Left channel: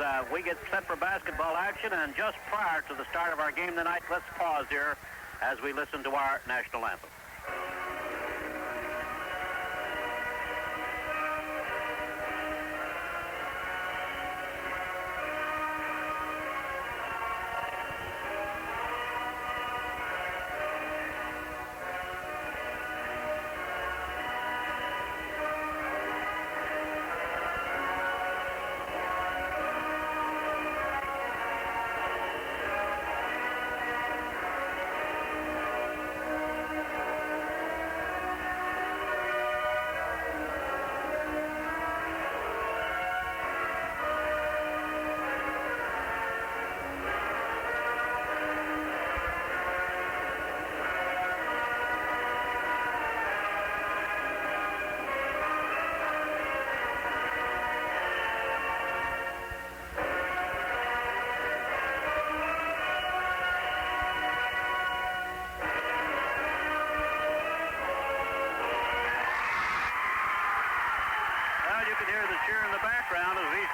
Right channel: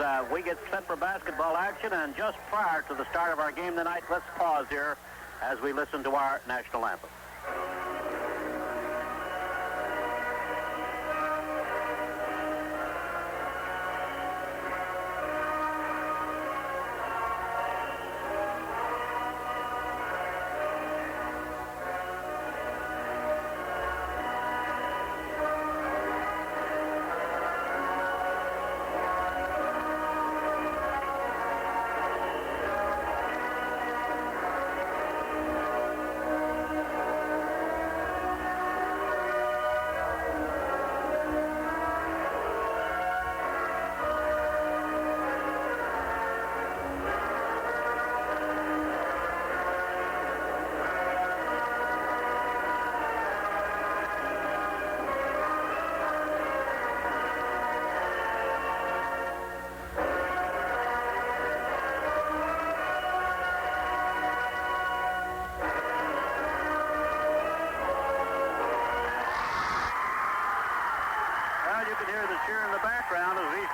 as we get set for basketball action. And just prior to the start of our game tonight, let's pause here as we listen to our national anthem.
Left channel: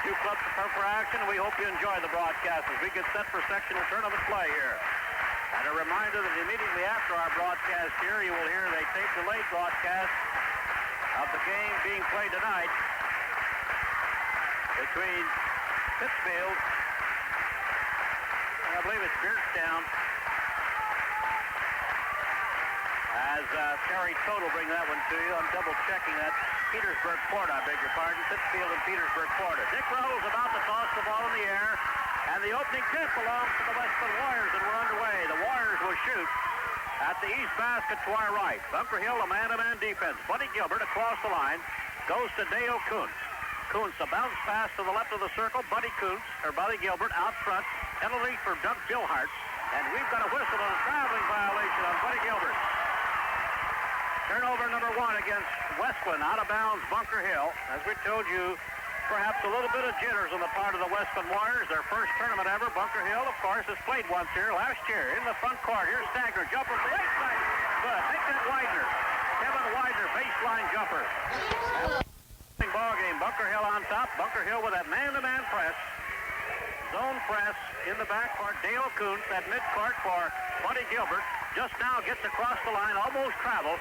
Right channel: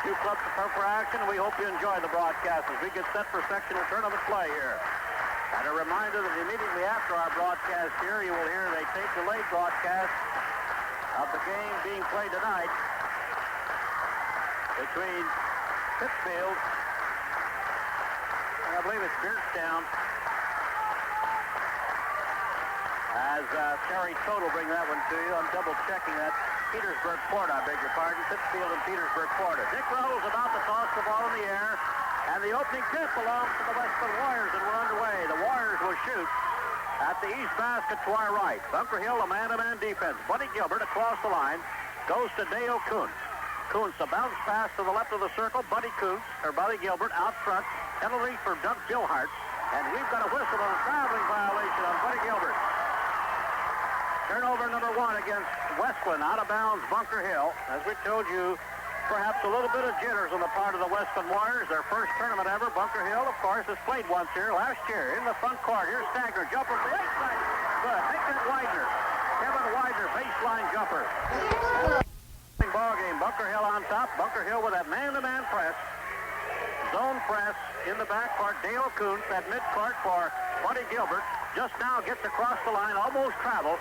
Two clubs prepare for action, and we hope you enjoy the broadcast as we get set for sectional tournament play here. And a reminder that immediately after our broadcast here, you will hear a tape-delayed broadcast of the game being played tonight between Pittsfield and I believe it's Beardstown. As Terry Todt will bring that one to you. I'm double-checking that. Petersburg Port, I beg your pardon. Pittsfield and Petersburg Port. Dick Reynolds about to toss the ball in the air. And the opening tip belongs to the Wesclin Warriors, and we're underway. The Warriors will shoot at the east basket to our right. Bunker Hill, a man-to-man defense. Buddy Gilbert across the line. Goes to Dale Kuntz. Kuntz, a bounce pass to the left of the circle. Buddy Gilbert out front. Penalty for Doug Billhart. And we've got a whistle on a traveling violation on Buddy Gilbert. Turnover number one against Wesclin, out of bounds, Bunker Hill. As we told you, perhaps a little bit of jitters on the part of the Wesclin Warriors. Their first tournament ever. Bunker Hill, of course, has played once here last year in the front court. Here's Stagner, jumper from the right side. Good. Make that Widener. Kevin Widener, baseline jumper. Ball game. Bunker Hill on top. Bunker Hill with that man-to-man press. Zone press in the backcourt. Dale Kuntz at midcourt for Buddy Gilbert. Just now gets across the line, almost travels.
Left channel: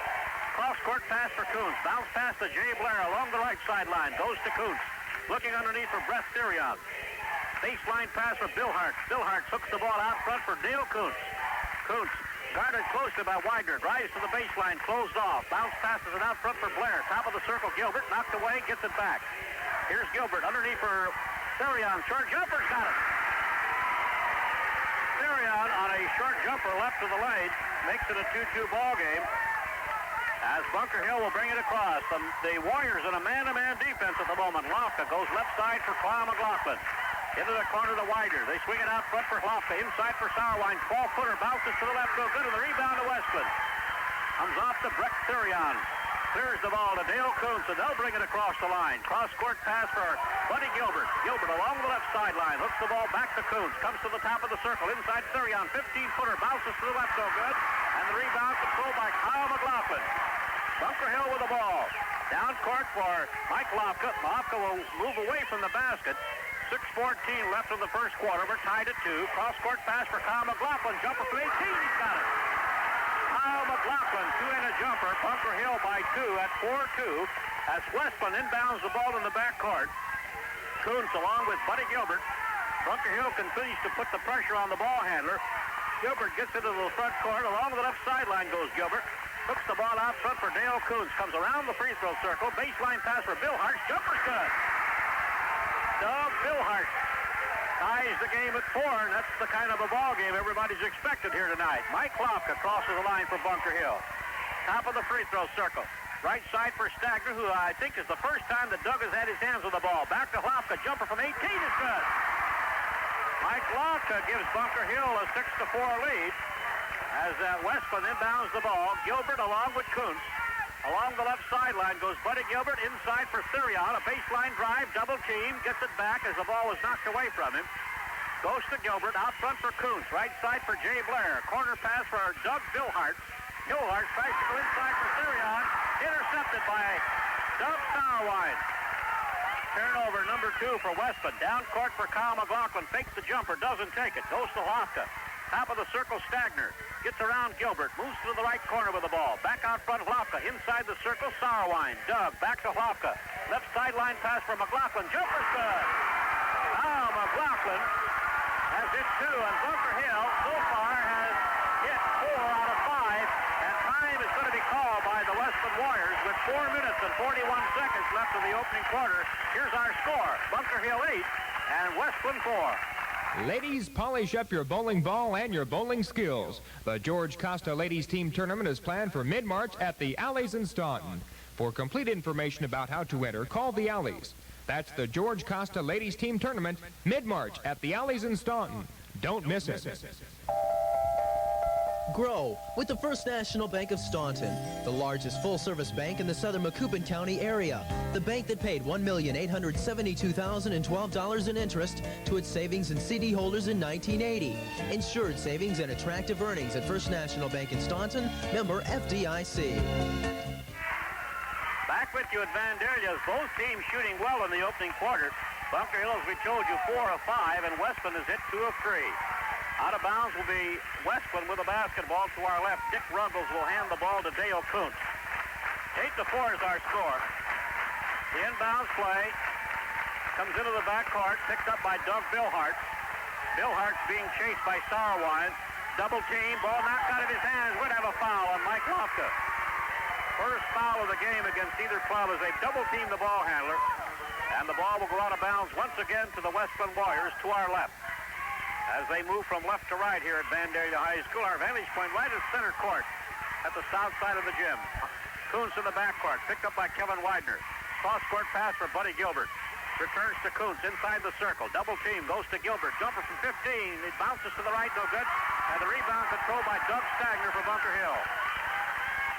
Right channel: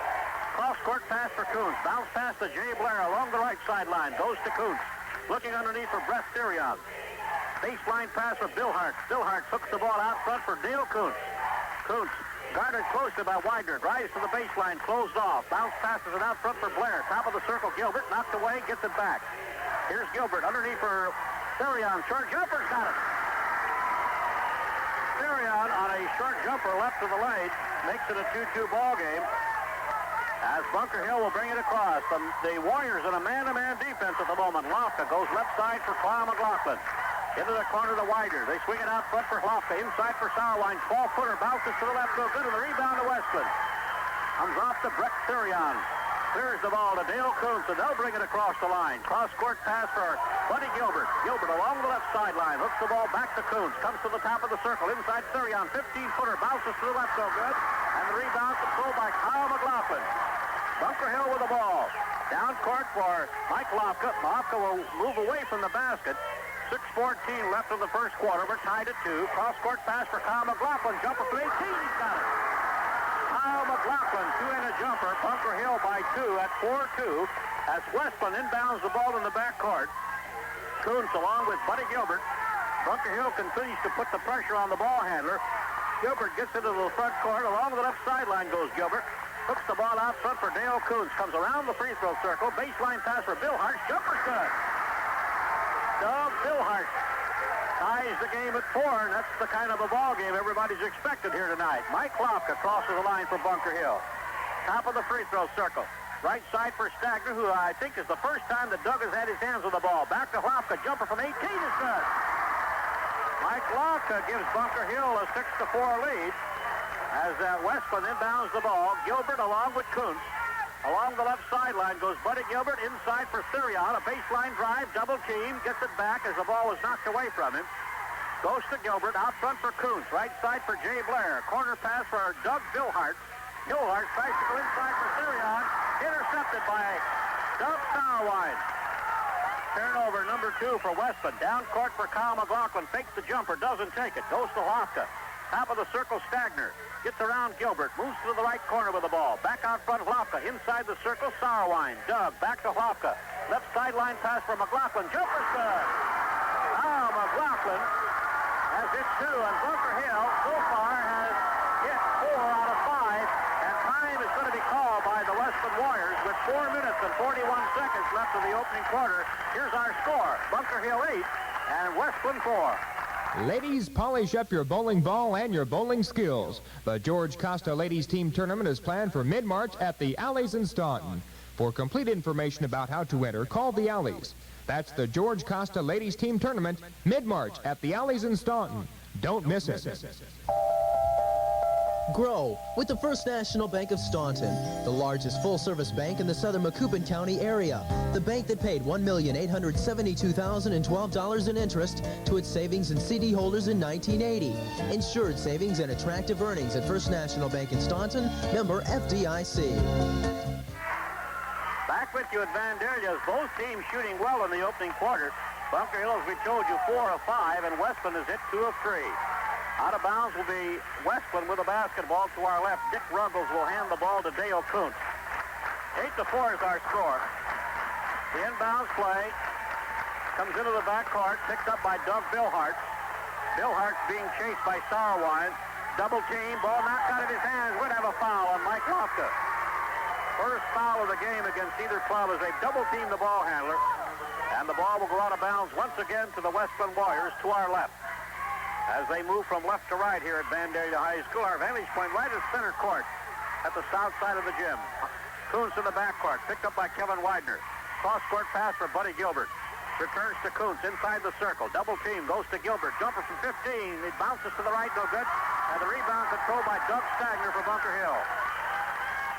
Cross-court pass for Kuntz. Bounce pass to Jay Blair along the right sideline. Goes to Kuntz. Looking underneath for Brett Therion. Baseline pass for Billhart. Billhart hooks the ball out front for Dale Kuntz. Kuntz guarded closely by Widener. Drives to the baseline. Closed off. Bounce passes it out front for Blair. Top of the circle. Gilbert knocked away. Gets it back. Here's Gilbert underneath for Therion. Short jumper's got it. Therion on a short jumper left of the lane. Makes it a 2-2 ball game. As Bunker Hill will bring it across. The Warriors in a man-to-man defense at the moment. Lofka goes left side for Kyle McLaughlin. Into the corner of the Widener. They swing it out front for Lofka. Inside for Sauerwein. 12-footer. Bounces to the left. Go good. And the rebound to Wesclin. Comes off to Brett Therion. Clears the ball to Dale Kuntz. And they'll bring it across the line. Cross-court pass for Buddy Gilbert. Gilbert along the left sideline. Hooks the ball back to Kuntz. Comes to the top of the circle. Inside Therion. 15-footer. Bounces to the left. Go good. And the rebound controlled by Kyle McLaughlin. Bunker Hill with the ball. Down court for Mike Lofka. Lofka will move away from the basket. 6:14 left in the first quarter. We're tied at 2. Cross-court pass for Kyle McLaughlin. Jumper from 18. He's got it. Kyle McLaughlin, two-handed jumper. Bunker Hill by 2 at 4-2. As Wesclin inbounds the ball in the backcourt. Kuntz along with Buddy Gilbert. Bunker Hill continues to put the pressure on the ball handler. Gilbert gets into the front court. Along the left sideline goes Gilbert. Hooks the ball out front for Dale Kuntz. Comes around the free throw circle. Baseline pass for Billhart. Jumper's good. Doug Billhart ties the game at 4, and that's the kind of a ball game everybody's expected here tonight. Mike Lofka crosses the line for Bunker Hill. Top of the free throw circle. Right side for Stagner, who I think is the first time that Doug has had his hands on the ball. Back to Lofka. Jumper from 18 is good. Mike Lofka gives Bunker Hill a 6-4 lead. As Wesclin inbounds the ball, Gilbert along with Kuntz. Along the left sideline goes Buddy Gilbert inside for Therion. A baseline drive, double team, gets it back as the ball was knocked away from him. Goes to Gilbert, out front for Kuntz. Right side for Jay Blair. Corner pass for Doug Billhart. Billhart tries to go inside for Therion. Intercepted by Doug Sauerwein. Turnover number 2 for Wesclin. Down court for Kyle McLaughlin. Fakes the jumper, doesn't take it. Goes to Lofka. Top of the circle, Stagner. Gets around Gilbert. Moves to the right corner with the ball. Back out front, Lofka. Inside the circle, Sauerwein. Doug, back to Lofka. Left sideline pass for McLaughlin. Jumper's good. Now McLaughlin has hit 2, and Bunker Hill so far has hit 4 out of 5. And time is going to be called by the Wesclin Warriors with 4 minutes and 41 seconds left in the opening quarter. Here's our score. Bunker Hill 8 and Wesclin 4. Ladies, polish up your bowling ball and your bowling skills. The George Costa Ladies Team Tournament is planned for mid-March at the Alleys in Staunton. For complete information about how to enter, call the Alleys. That's the George Costa Ladies Team Tournament, mid-March at the Alleys in Staunton. Don't miss it. Grow with the First National Bank of Staunton, the largest full-service bank in the southern Macoupin County area. The bank that paid $1,872,012 in interest to its savings and CD holders in 1980. Insured savings and attractive earnings at First National Bank in Staunton, member FDIC. Back with you at Vandalia. Both teams shooting well in the opening quarter. Bunker Hill, as we told you, 4 of 5, and Wesclin has hit 2 of 3. Out of bounds will be Wesclin with a basketball to our left. Dick Ruggles will hand the ball to Dale Kuntz. 8-4 is our score. The inbounds play comes into the backcourt, picked up by Doug Billhart. Billhart's being chased by Sauerwein. Double team, ball knocked out of his hands. Would have a foul on Mike Lofka. First foul of the game against either club as they double team the ball handler. And the ball will go out of bounds once again to the Wesclin Warriors to our left. As they move from left to right here at Vandalia High School, our vantage point right at center court at the south side of the gym. Kuntz in the backcourt, picked up by Kevin Widener. Cross-court pass for Buddy Gilbert. Returns to Kuntz inside the circle. Double team goes to Gilbert. Jumper from 15. It bounces to the right, no good. And the rebound controlled by Doug Stagner for Bunker Hill.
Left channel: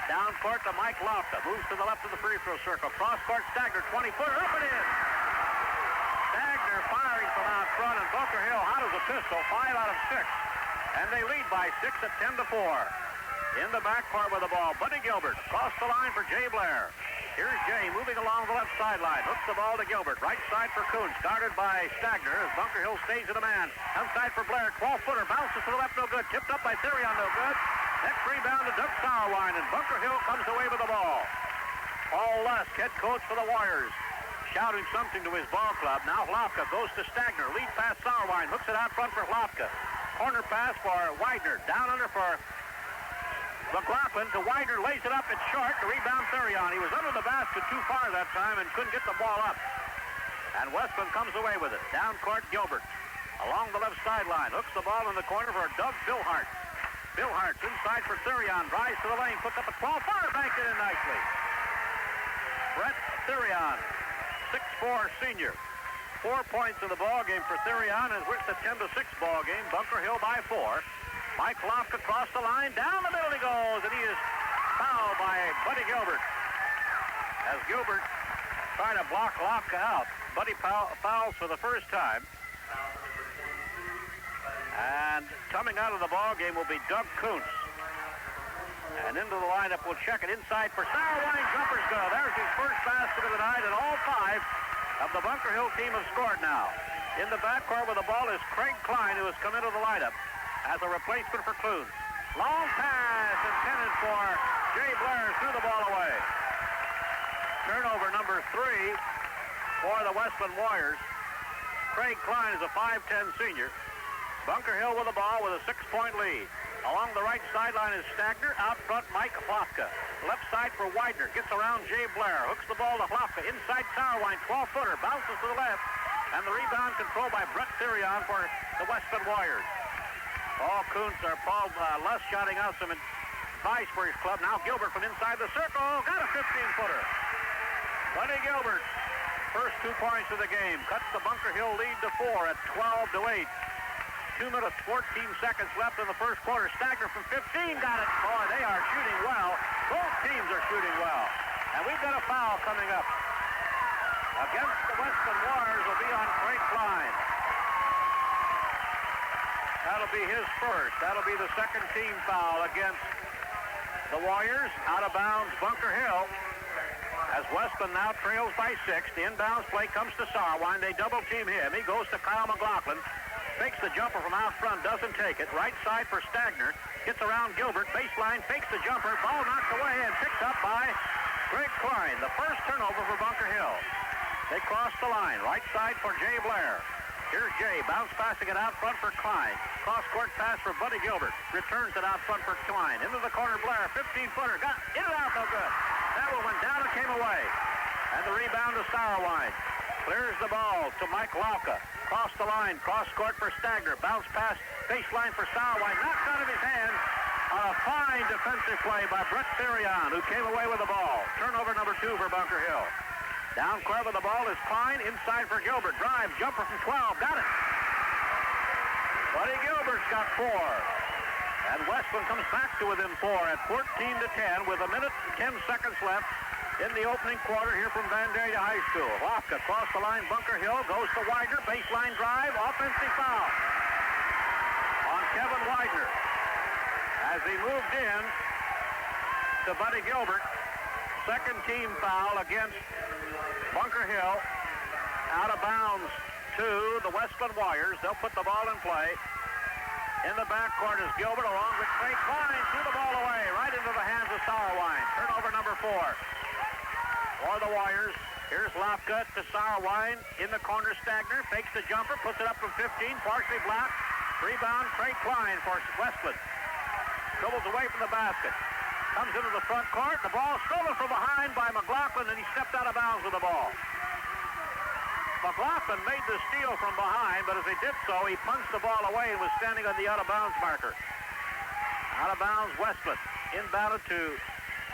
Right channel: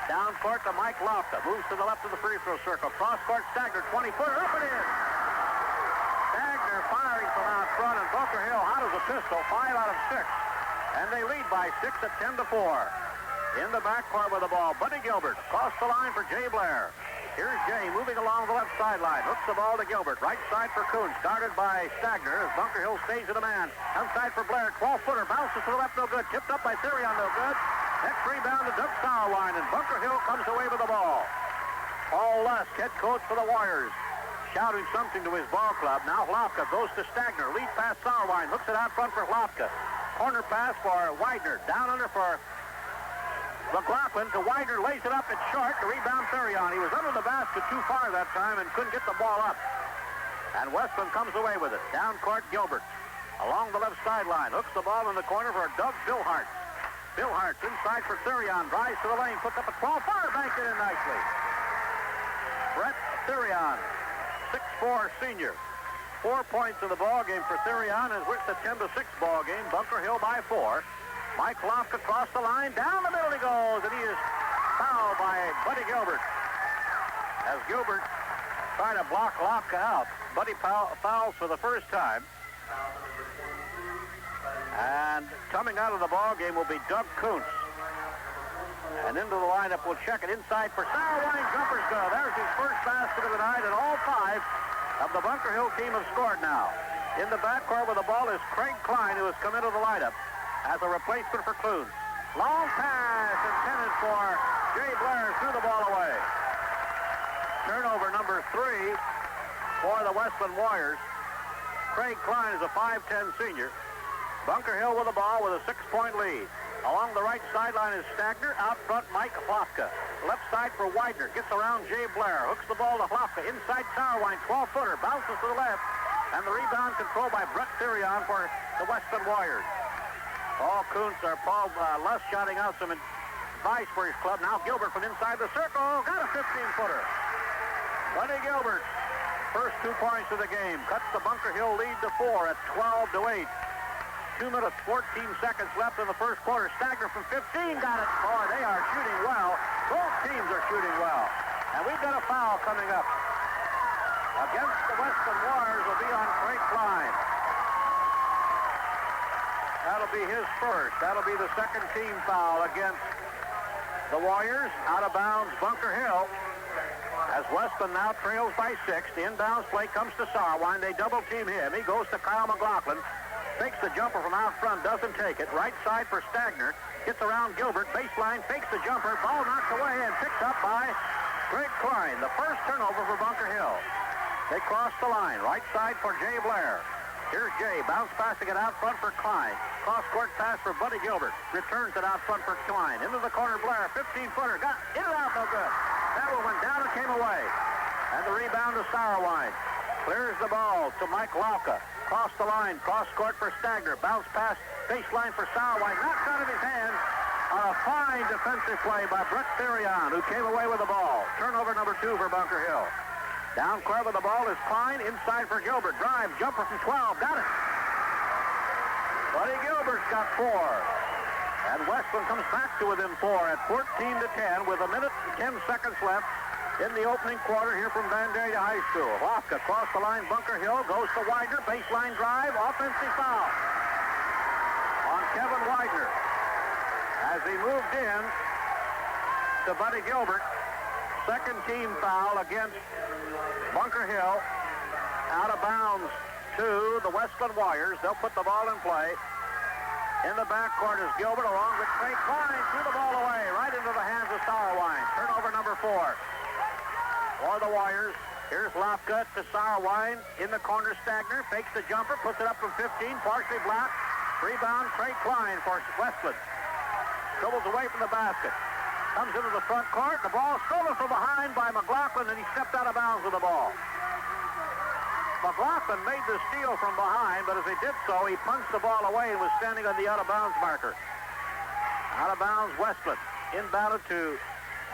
Down court to Mike Lofka. Moves to the left of the free throw circle. Cross-court Stagner, 20-footer. Up it is. Stagner firing from out front, and Bunker Hill hot as a pistol, 5 out of 6. And they lead by 6 at 10-4. In the backcourt with the ball, Buddy Gilbert. Across the line for Jay Blair. Here's Jay moving along the left sideline. Hooks the ball to Gilbert. Right side for Kuntz. Guarded by Stagner as Bunker Hill stays in a man. Outside for Blair. 12-footer. Bounces to the left, no good. Tipped up by Therion, no good. Next rebound to Doug Sauerwein, and Bunker Hill comes away with the ball. Paul Lusk, head coach for the Warriors, shouting something to his ball club. Now Lofka goes to Stagner. Lead pass Sauerwein. Hooks it out front for Lofka. Corner pass for Widener. Down under for McLaughlin to Widener. Lays it up. It's short. The rebound Therion. He was under the basket too far that time and couldn't get the ball up. And Wesclin comes away with it. Down court Gilbert. Along the left sideline. Hooks the ball in the corner for Doug Billhart. Billhart's inside for Therion. Drives to the lane. Puts up a 12-footer. Banked it in nicely. Brett Therion. 6'4" senior. 4 points in the ball game for Therion, and it's a 10-6 ball game. Bunker Hill by 4. Mike Lofka across the line. Down the middle he goes, and he is fouled by Buddy Gilbert. As Gilbert tried to block Lofka out, Buddy fouls for the first time. And coming out of the ball game will be Doug Kuntz. And into the lineup, we'll check it inside for Sauerwein. Jumper's good. There's his first basket of the night, and all 5 of the Bunker Hill team have scored now. In the backcourt with the ball is Craig Klein, who has come into the lineup as a replacement for Kuntz. Long pass intended for Jay Blair. Threw the ball away. Turnover number 3 for the Wesclin Warriors. Craig Klein is a 5'10" senior. Bunker Hill with the ball with a 6-point lead. Along the right sideline is Stagner. Out front, Mike Lofka. Left side for Widener. Gets around Jay Blair. Hooks the ball to Lofka. Inside Sauerwein. 12-footer. Bounces to the left. And the rebound controlled by Brett Therion for the Wesclin Warriors. Paul Lusk shouting out some advice for his club. Now Gilbert from inside the circle. Got a 15-footer. Buddy Gilbert. First 2 points of the game. Cuts the Bunker Hill lead to 4 at 12-8. 2 minutes, 14 seconds left in the first quarter. Stagner from 15 got it. Boy, they are shooting well. Both teams are shooting well. And we've got a foul coming up. Against the Wesclin Warriors will be on Craig Klein. That'll be his first. That'll be the second team foul against the Warriors. Out of bounds, Bunker Hill. as Wesclin now trails by 6. The inbounds play comes to Sauerwein. They double team him. He goes to Kyle McLaughlin. Fakes the jumper from out front. Doesn't take it. Right side for Stagner. Gets around Gilbert. Baseline. Fakes the jumper. Ball knocked away and picked up by Greg Klein. The first turnover for Bunker Hill. They cross the line. Right side for Jay Blair. Here's Jay. Bounce passing it out front for Klein. Cross-court pass for Buddy Gilbert. Returns it out front for Klein. Into the corner, Blair. 15-footer. Got in and out, no good. That one went down and came away. And the rebound to Sauerwein. Clears the ball to Mike Lauka. Cross the line. Cross-court for Stagner. Bounce pass. Baseline for Sauerwein. Knocked out of his hand on a fine defensive play by Brett Therion, who came away with the ball. Turnover number 2 for Bunker Hill. Down club of the ball is Klein. Inside for Gilbert. Drive. Jumper from 12. Got it. Buddy Gilbert's got 4. And Wesclin comes back to within 4 at 14-10 with 1 minute and 10 seconds left in the opening quarter here from Vandalia High School. Lofka across the line. Bunker Hill goes to Widener. Baseline drive. Offensive foul on Kevin Widener as he moved in to Buddy Gilbert. Second team foul against Bunker Hill. Out of bounds to the Wesclin Warriors. They'll put the ball in play. In the backcourt is Gilbert along with Trey Klein. Threw the ball away right into the hands of Sauerwein. Turnover number 4 for the Warriors. Here's Lofka to Sauerwein. In the corner, Stagner fakes the jumper. Puts it up from 15. Partially blocked. Rebound, Trey Klein for Wesclin. Dribbles away from the basket. Comes into the front court. The ball stolen from behind by McLaughlin, and he stepped out of bounds with the ball. McLaughlin made the steal from behind, but as he did so, he punched the ball away and was standing on the out-of-bounds marker. Out of bounds, Wesclin. Inbounded to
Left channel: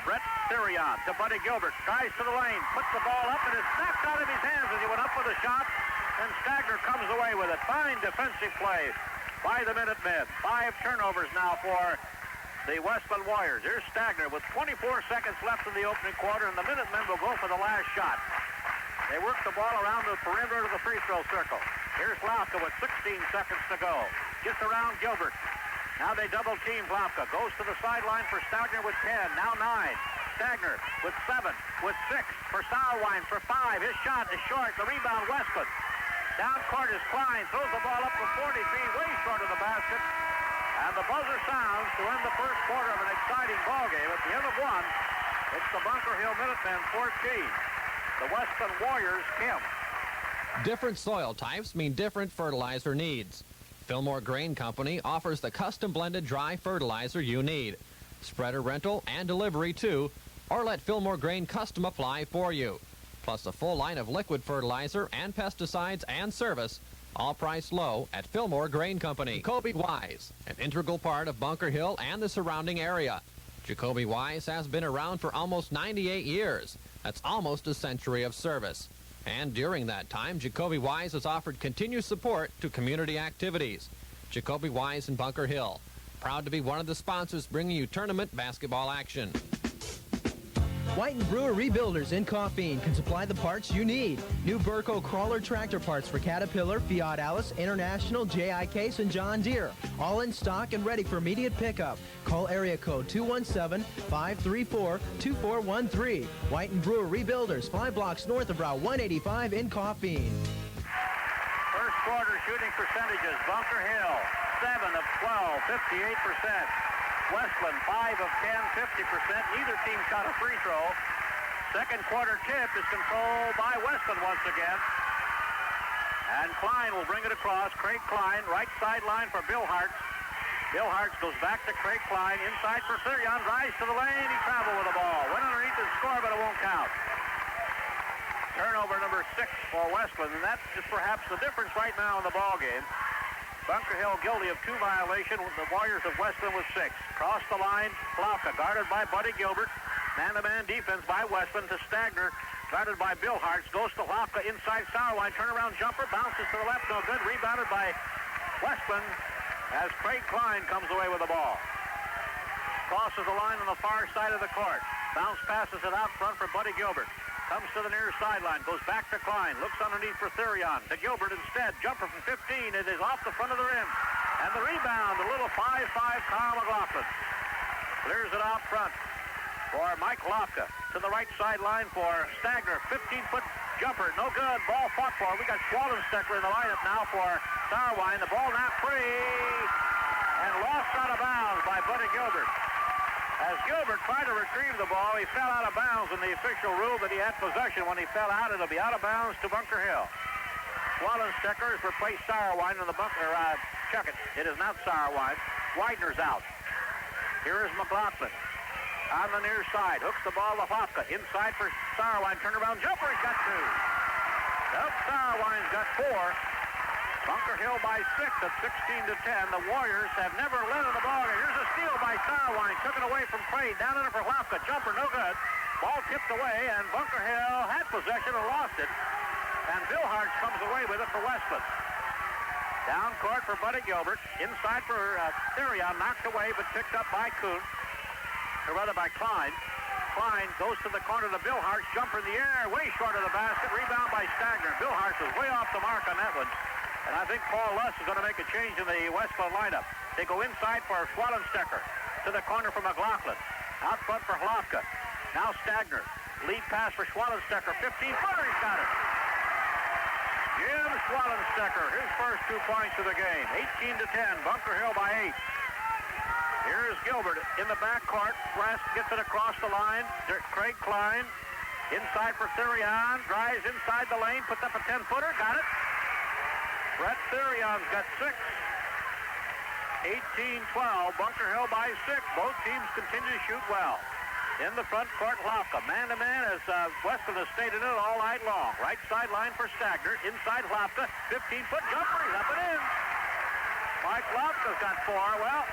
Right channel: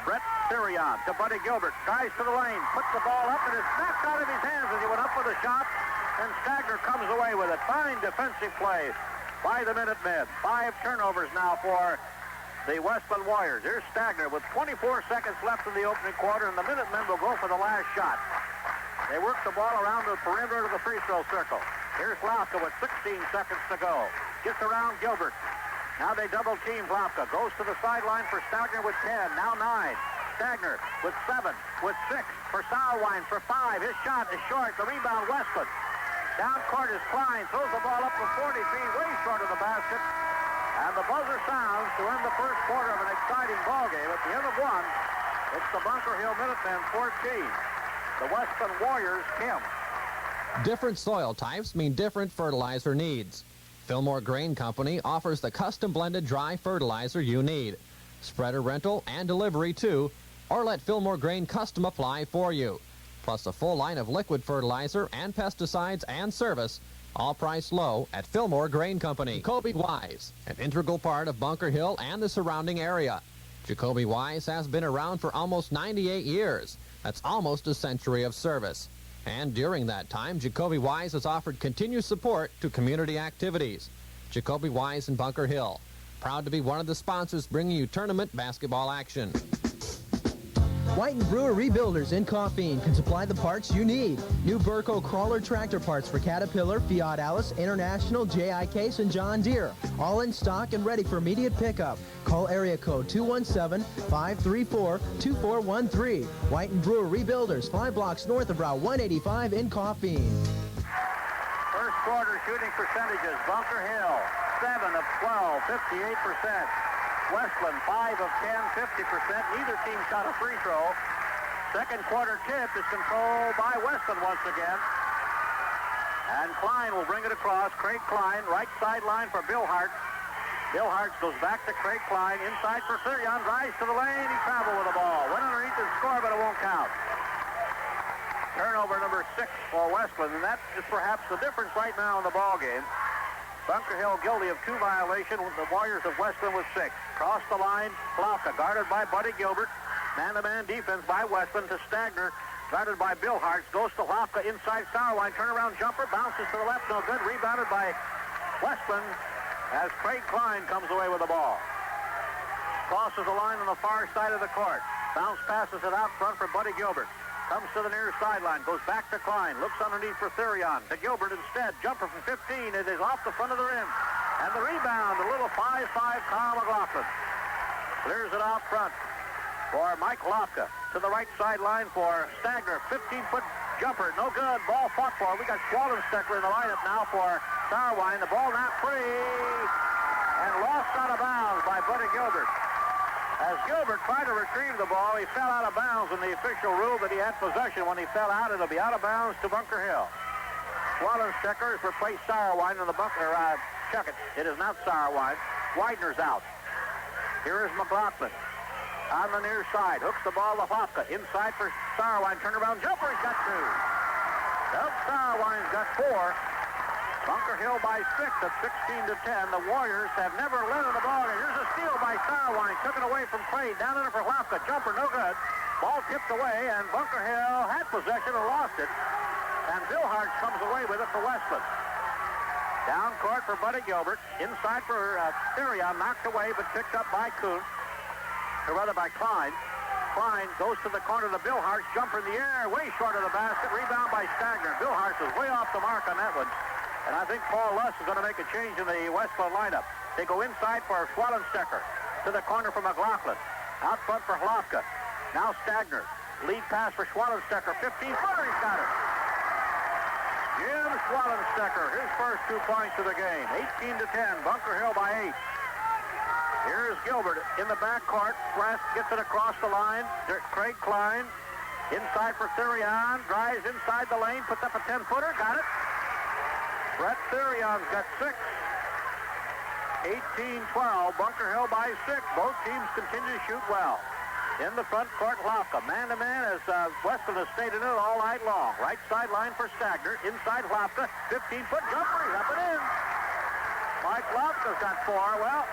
Brett Therion. To Buddy Gilbert. Tries to the lane. Puts the ball up, and it's knocked out of his hands as he went up with a shot, and Stagner comes away with it. Fine defensive play by the Minutemen. 5 turnovers now for the Wesclin Warriors. Here's Stagner with 24 seconds left in the opening quarter, and the Minutemen will go for the last shot. They work the ball around the perimeter of the free throw circle. Here's Lofka with 16 seconds to go. Gets around Gilbert. Now they double team Lofka. Goes to the sideline for Stagner with 10. Now 9. Stagner with 7. With 6 for Sauerwein for 5. His shot is short. The rebound, Wesclin. Down court is Klein. Throws the ball up for 43. Way short of the basket. And the buzzer sounds to end the first quarter of an exciting ball game. At the end of 1, it's the Bunker Hill Minutemen 14. The Wesclin Warriors 10. Different soil types mean different fertilizer needs. Fillmore Grain Company offers the custom blended dry fertilizer you need. Spreader rental and delivery too, or let Fillmore Grain custom apply for you. Plus a full line of liquid fertilizer and pesticides and service, all priced low at Fillmore Grain Company. Jacoby Wise, an integral part of Bunker Hill and the surrounding area. Jacoby Wise has been around for almost 98 years. That's almost a century of service. And during that time, Jacoby Wise has offered continued support to community activities. Jacoby Wise in Bunker Hill, proud to be one of the sponsors bringing you tournament basketball action. White & Brewer Rebuilders in Coffeen can supply the parts you need. New Burco crawler tractor parts for Caterpillar, Fiat Alice, International, J.I. Case, and John Deere. All in stock and ready for immediate pickup. Call area code 217-534-2413. White & Brewer Rebuilders, 5 blocks north of Route 185 in Coffeen. First quarter shooting percentages. Bunker Hill, 7 of 12, 58%. Wesclin, 5 of 10, 50%. Neither team shot a free throw. Second quarter tip is controlled by Wesclin once again. And Klein will bring it across. Craig Klein, right sideline for Bill Hartz. Bill Hartz goes back to Craig Klein. Inside for Therion. Rise to the lane. He traveled with the ball. Went underneath the score, but it won't count. Turnover number 6 for Wesclin. And that is perhaps the difference right now in the ball game. Bunker Hill guilty of 2 violations. The Warriors of Wesclin with 6. Cross the line, Lofka, guarded by Buddy Gilbert. Man-to-man defense by Wesclin to Stagner, guarded by Bill Hartz. Goes to Lofka inside Sauerwein. Turnaround jumper, bounces to the left, no good. Rebounded by Wesclin as Craig Klein comes away with the ball. Crosses the line on the far side of the court. Bounce passes it out front for Buddy Gilbert. Comes to the near sideline, goes back to Klein, looks underneath for Therion. To Gilbert instead, jumper from 15, it is off the front of the rim. And the rebound, a little 5-5 Kyle McLaughlin. Clears it out front for Mike Lofka. to the right sideline for Stagner. 15-foot jumper, no good. Ball fought for. We got Schwallenstecker in the lineup now for Sauerwein. The ball not free and lost out of bounds by Buddy Gilbert. As Gilbert tried to retrieve the ball, he fell out of bounds, and the official ruled that he had possession. When he fell out, it'll be out of bounds to Bunker Hill. Schwallenstecker has replaced Sauerwein in the bunker. Check it. It is not Sauerwein. Widener's out. Here is McLaughlin on the near side. Hooks the ball to Hofka. Inside for Sauerwein. Turnaround jumper. He's got two. Nope, Sauerwein's got four. Bunker Hill by 6 at 16-10. The Warriors have never led in the ball. Here's a steal by Sauerwein. Took it away from Craig. Down in it for Hofka. Jumper, no good. Ball tipped away, and Bunker Hill had possession and lost it. And Bill Hart comes away with it for Wesclin. Down court for Buddy Gilbert. Inside for Therion. Knocked away, but picked up by Kuhn. Or rather by Klein. Klein goes to the corner to Bill Hart. Jumper in the air, way short of the basket. Rebound by Stagner. Bill Hart was way off the mark on that one. And I think Paul Luss is going to make a change in the Wesclin lineup. They go inside for Schwallenstecker. To the corner for McLaughlin. Out front for Hlofka. Now Stagner. Lead pass for Schwallenstecker. 15-footer. He's got it. Jim Schwallenstecker, his first 2 points of the game. 18-10. Bunker Hill by 8. Here's Gilbert in the backcourt. West gets it across the line. Craig Klein inside for Therion. Drives inside the lane. Puts up a 10-footer. Got it. Brett Therion's got 6. 18-12. Bunker Hill by 6. Both teams continue to shoot well. In the front court, Hlofka. Man-to-man as Wesclin has stayed in it all night long. Right sideline for Stagner. Inside Hlofka. 15-foot jumper. He's up and in. Mike Hlofka's got 4. Well,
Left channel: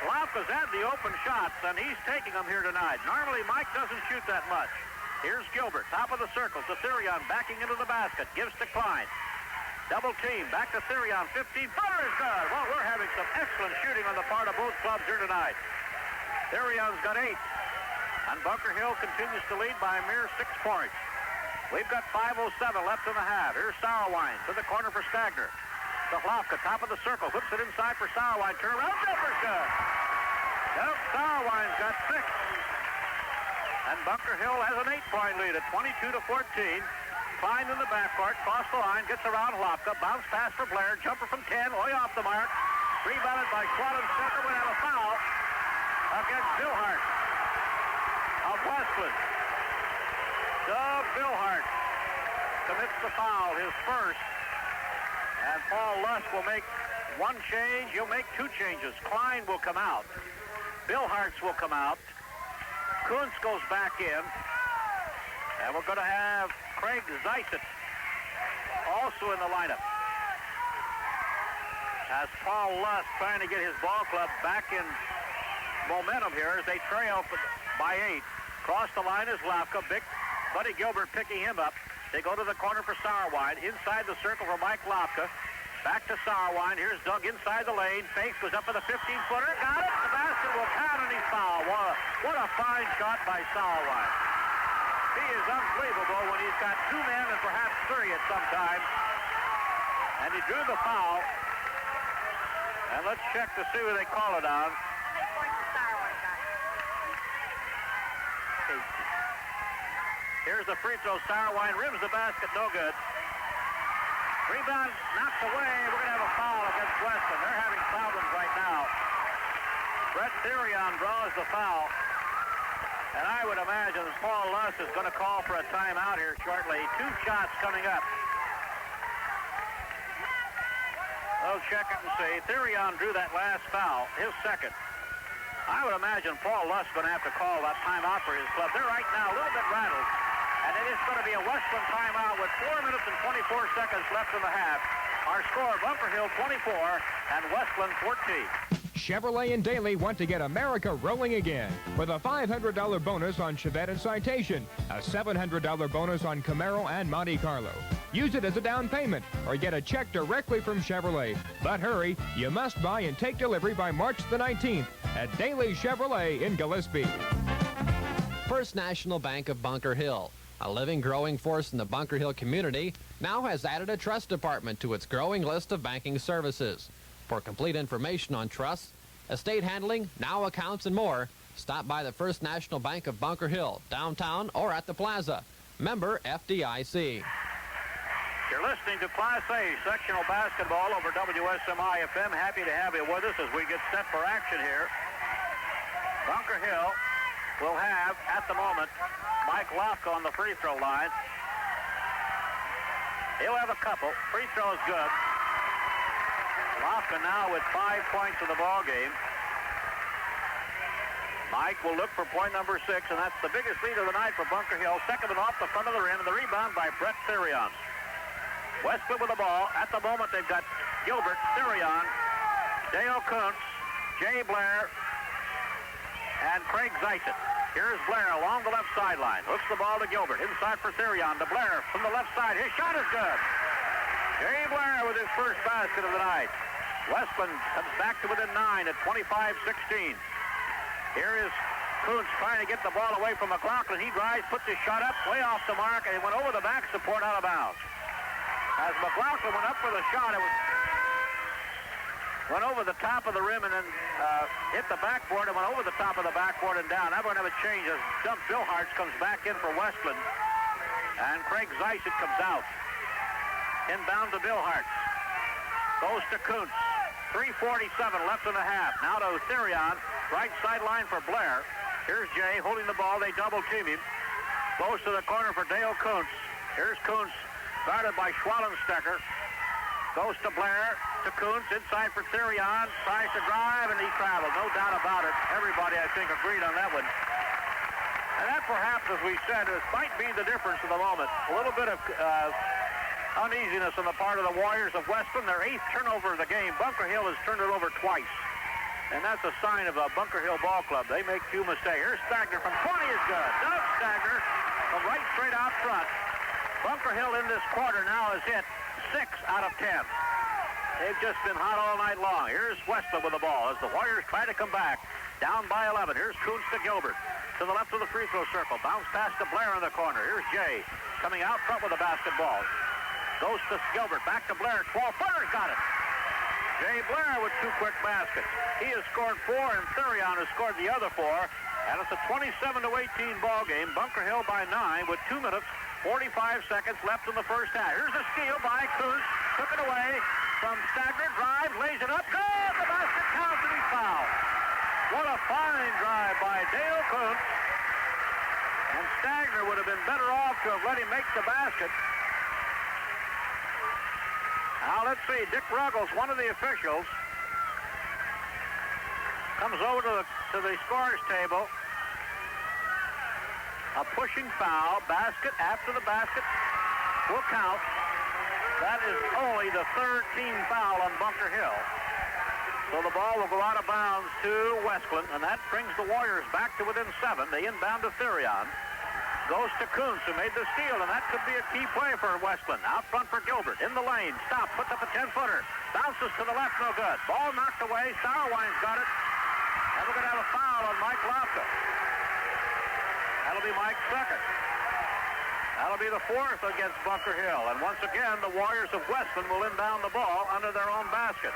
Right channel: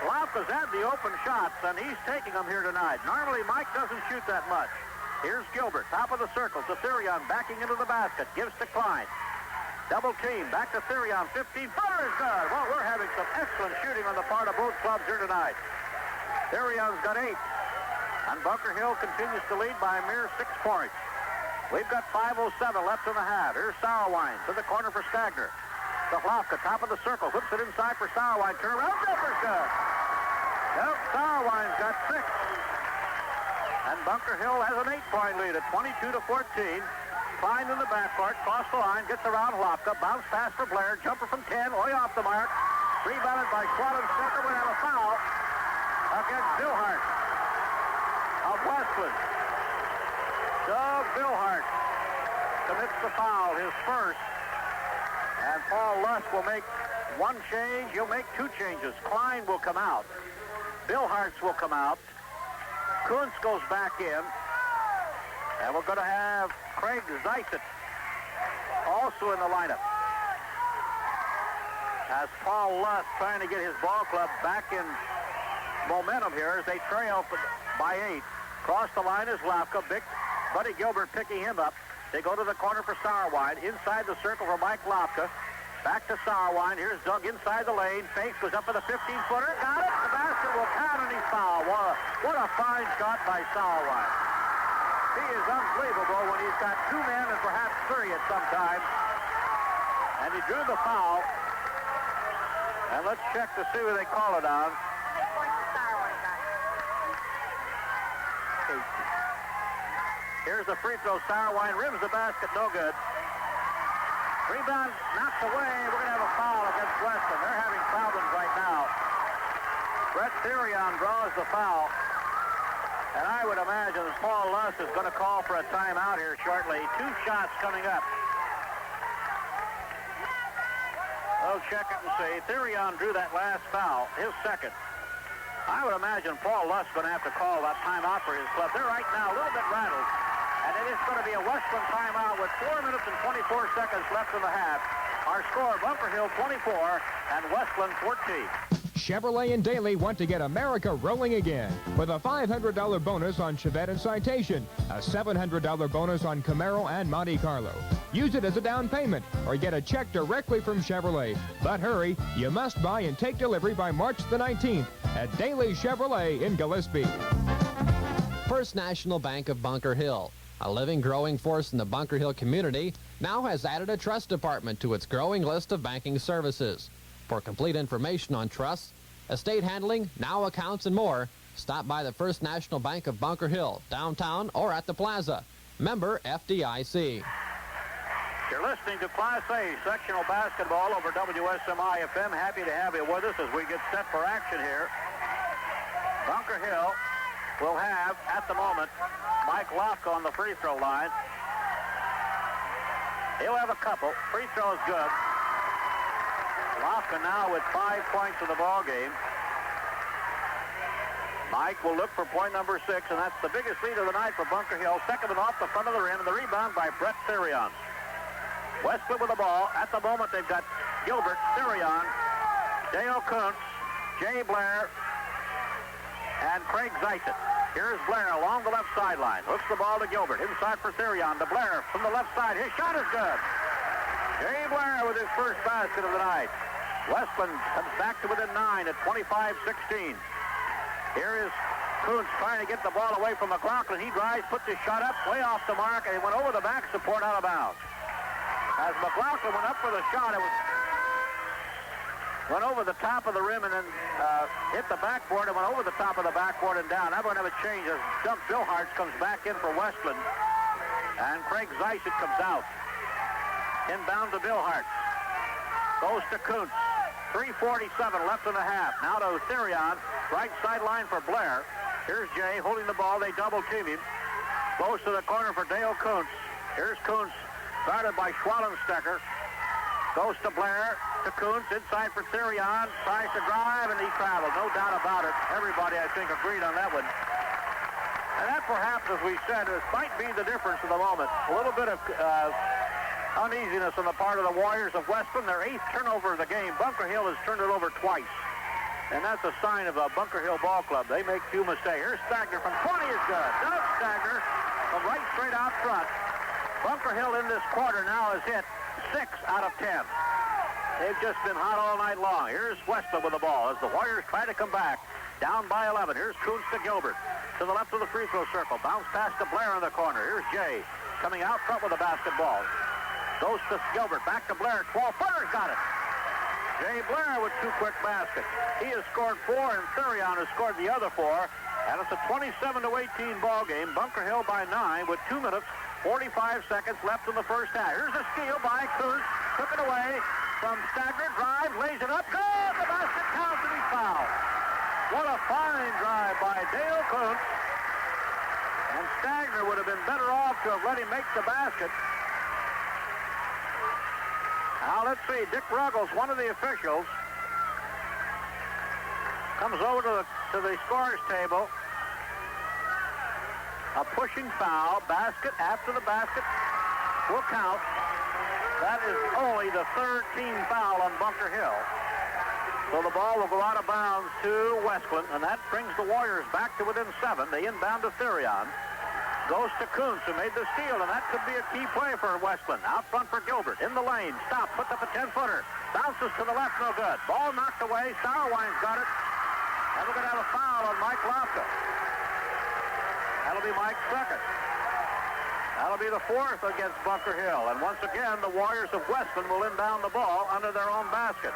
Hlofka's had the open shots, and he's taking them here tonight. Normally, Mike doesn't shoot that much. Here's Gilbert. Top of the circle to Therion. Backing into the basket. Gives to Klein. Double team. Back to Therion. 15-footer is good. Well, we're having some excellent shooting on the part of both clubs here tonight. Therion's got 8. And Bunker Hill continues to lead by a mere 6 points. We've got 5:07 left in the half. Here's Sauerwein to the corner for Stagner. To Hlofka, top of the circle. Hooks it inside for Sauerwein. Turn around, jumper's good. Well, Sauerwein's got 6. And Bunker Hill has an 8-point lead at 22-14. Klein in the backcourt. Cross the line. Gets around Hlofka. Bounce pass for Blair. Jumper from 10. Way off the mark. Rebounded by Schwallenstecker without a foul against Bill Hart of Wesclin. Doug Billhart commits the foul, his first. And Paul Luss will make one change. He'll make 2 changes. Klein will come out. Billhart's will come out. Kuntz goes back in. And we're going to have Craig Zeisset also in the lineup. As Paul Luss trying to get his ball club back in momentum here as they trail by 8. Across the line is Hlofka. Big Buddy Gilbert picking him up. They go to the corner for Sauerwein. Inside the circle for Mike Hlofka. Back to Sauerwein. Here's Doug inside the lane. Fakes, goes up with a 15-footer. Got it. The basket will count, and he's fouled. What a fine shot by Sauerwein. He is unbelievable when he's got 2 men and perhaps 3 at some time. And he drew the foul. And let's check to see who they call it on. Here's the free throw. Sauerwein rims the basket, no good. Rebound knocked away. We're going to have a foul against Wesclin. They're having problems right now. Brett Therion draws the foul. And I would imagine Paul Luss is going to call for a timeout here shortly. 2 shots coming up. We'll check it and see. Therion drew that last foul, his second. I would imagine Paul Luss is going to have to call that timeout for his club. They're right now a little bit rattled. And it is going to be a Wesclin timeout with 4 minutes and 24 seconds left in the half. Our score, Bunker Hill 24 and Wesclin 14. Chevrolet and Daly want to get America rolling again with a $500 bonus on Chevette and Citation, a $700 bonus on Camaro and Monte Carlo. Use it as a down payment or get a check directly from Chevrolet. But hurry, you must buy and take delivery by March the 19th at Daly Chevrolet in Gillespie. First National Bank of Bunker Hill, a living, growing force in the Bunker Hill community, now has added a trust department to its growing list of banking services. For complete information on trusts, estate handling, now accounts, and more, Stop by the First National Bank of Bunker Hill, downtown or at the plaza. Member FDIC. You're listening to Class A sectional basketball over WSMI FM. Happy to have you with us as we get set for action here. Bunker Hill will have, at the moment, Mike Lofka on the free throw line. He'll have a couple. Free throw is good. Lofka now with 5 points in the ball game. Mike will look for point number 6, and that's the biggest lead of the night for Bunker Hill. Second one off the front of the rim, and the rebound by Brett Therion. Wesclin with the ball. At the moment, they've got Gilbert, Therion, Dale Kuntz, Jay Blair, and Craig Zeitz. Here's Blair along the left sideline. Looks the ball to Gilbert. Inside for Therion. To Blair from the left side. His shot is good. Jay Blair with his first basket of the night. Wesclin comes back to within 9 at 25-16. Here is Kuntz trying to get the ball away from McLaughlin. He drives, puts his shot up, way off the mark, and it went over the back support out of bounds. As McLaughlin went up for the shot, it went over the top of the rim and then hit the backboard and went over the top of the backboard and down. Now we're going to have a change as Doug Billhartz comes back in for Wesclin. And Craig Zeitz comes out. Inbound to Billhartz. Goes to Kuntz. 3:47 left in the half. Now to Therion. Right sideline for Blair. Here's Jay holding the ball. They double team him. Goes to the corner for Dale Kuntz. Here's Kuntz. Guarded by Schwallenstecker. Goes to Blair, to Kuntz, inside for Therion. Tries to drive, and he traveled. No doubt about it. Everybody, I think, agreed on that one. And that perhaps, as we said, might be the difference in the moment. A little bit of uneasiness on the part of the Warriors of Wesclin. Their 8th turnover of the game. Bunker Hill has turned it over twice. And that's a sign of a Bunker Hill ball club. They make few mistakes. Here's Stagner from 20 is good. Doug Stagner from right straight out front. Bunker Hill in this quarter now has hit 6 out of 10. They've just been hot all night long. Here's Wesclin with the ball as the Warriors try to come back. Down by 11. Here's Kuntz to Gilbert. To the left of the free throw circle. Bounce pass to Blair in the corner. Here's Jay coming out front with the basketball. Goes to Gilbert. Back to Blair. 12-footer. Got it. Jay Blair with 2 quick baskets. He has scored 4, and Therion has scored the other 4. And it's a 27-18 ball game. Bunker Hill by 9 with 2 minutes, 45 seconds left in the first half. Here's a steal by Kuntz. Took it away from Stagner. Drives, lays it up. Good! The basket counts, and he's fouled. What a fine drive by Dale Kuntz. And Stagner would have been better off to have let him make the basket. Now, let's see. Dick Ruggles, one of the officials, comes over to the scorer's table. A pushing foul. Basket after the basket will count. That is only the 3rd team foul on Bunker Hill. So the ball will go out of bounds to Wesclin, and that brings the Warriors back to within 7. They inbound to Therion. Goes to Kuntz, who made the steal, and that could be a key play for Wesclin. Out front for Gilbert. In the lane. Stop. Puts up a 10-footer. Bounces to the left. No good. Ball knocked away. Sauerwein's got it. And we're going to have a foul on Mike Lofka. That'll be Mike's 2nd. That'll be the 4th against Bunker Hill. And once again, the Warriors of Wesclin will inbound the ball under their own basket.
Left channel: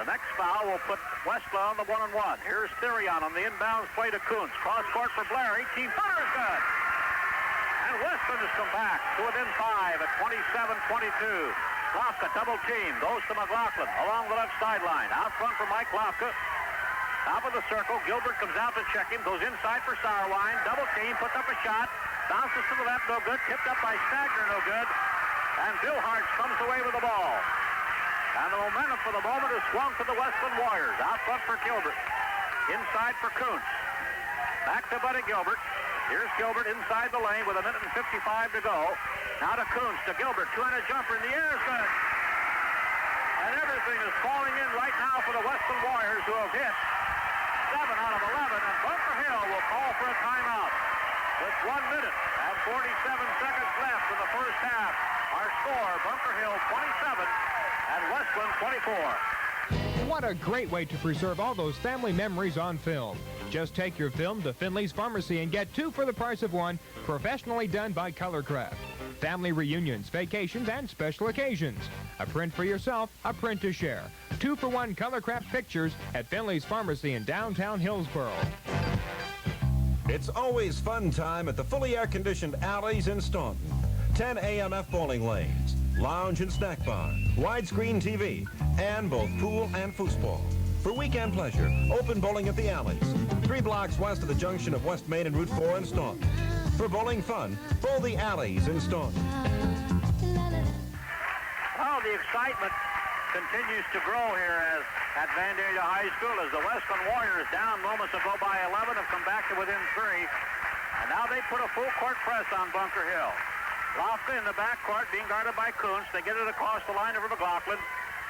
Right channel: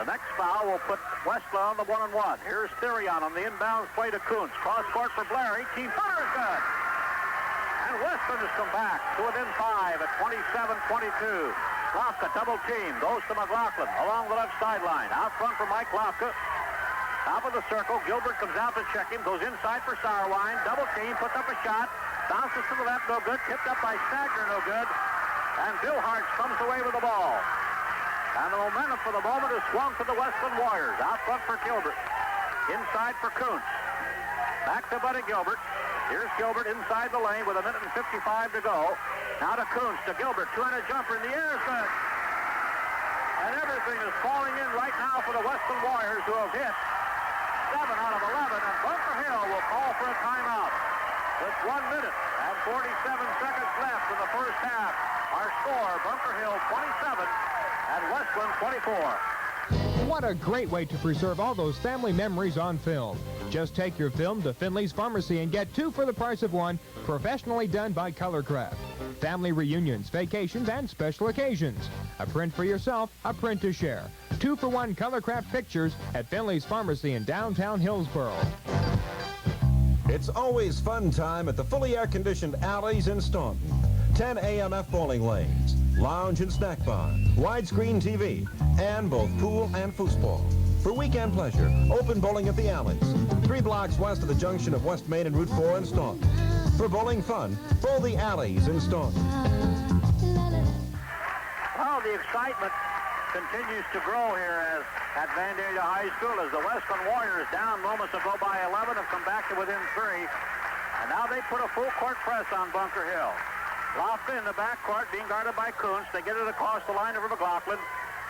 The next foul will put Wesclin on the 1-on-1. Here's Therion on the inbounds play to Kuntz. Cross court for Blair. 18-footer is good. And Wesclin has come back to within 5 at 27-22. Lofka double team. Goes to McLaughlin along the left sideline. Out front for Mike Lofka. Top of the circle. Gilbert comes out to check him. Goes inside for Sauerwein. Double team. Puts up a shot. Bounces to the left. No good. Tipped up by Stagner. No good. And Billhartz comes away with the ball. And the momentum for the moment is swung to the Wesclin Warriors. Out front for Gilbert. Inside for Kuntz. Back to Buddy Gilbert. Here's Gilbert inside the lane with 1:55 to go. Now to Kuntz, to Gilbert. 200 jumper in the air is good. And everything is falling in right now for the Wesclin Warriors, who have hit 7 out of 11. And Bunker Hill will call for a timeout. With 1 minute and 47 seconds left in the first half. Our score, Bunker Hill 27 and Wesclin 24. What a great way to preserve all those family memories on film. Just take your film to Finley's Pharmacy and get 2 for the price of 1, professionally done by Colorcraft. Family reunions, vacations, and special occasions. A print for yourself, a print to share. 2 for 1 Colorcraft pictures at Finley's Pharmacy in downtown Hillsboro. It's always fun time at the fully air-conditioned Alleys in Staunton. 10 AMF bowling lanes, lounge and snack bar, widescreen TV, and both pool and foosball. For weekend pleasure, open bowling at the Alleys, 3 blocks west of the junction of West Main and Route 4 in Staunton. For bowling fun, bowl the Alleys in Staunton. Well, the excitement continues to grow here at Vandalia High School as the Wesclin Warriors, down moments ago by 11, have come back to within 3. And now they put a full court press on Bunker Hill. Lofton in the backcourt being guarded by Kuntz. They get it across the line over McLaughlin.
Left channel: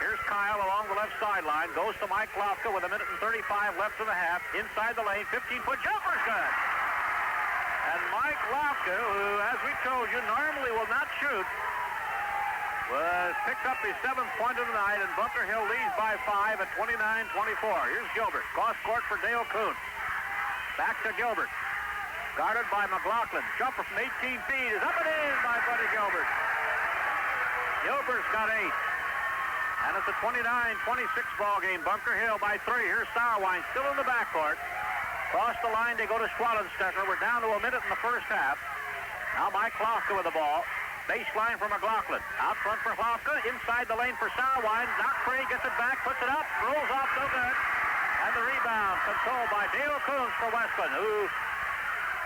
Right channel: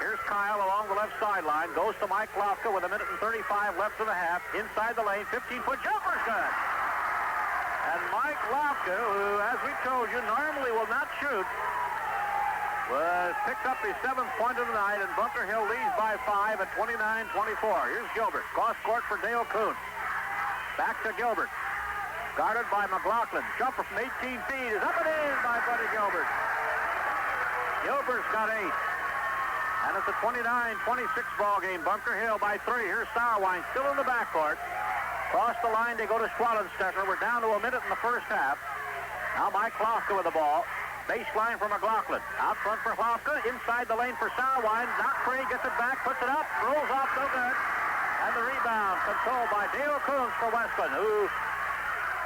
Here's Kyle along the left sideline. Goes to Mike Lofton with 1:35 left in the half. Inside the lane, 15-foot jumper's good. And Mike Lofton, who, as we told you, normally will not shoot, was picked up his 7th point of the night, and Bunker Hill leads by 5 at 29-24. Here's Gilbert. Cross court for Dale Kuntz. Back to Gilbert. Guarded by McLaughlin. Jumper from 18 feet is up and in by Buddy Gilbert. Gilbert's got 8. And it's a 29-26 ball game. Bunker Hill by 3. Here's Sauerwein still in the backcourt. Cross the line, they go to Swallenstecker. We're down to a minute in the first half. Now Mike Lofton with the ball. Baseline for McLaughlin. Out front for Lofton. Inside the lane for Sauerwein. Not free, gets it back, puts it up, rolls off, no good. And the rebound controlled by Dale Kuntz for Wesclin, who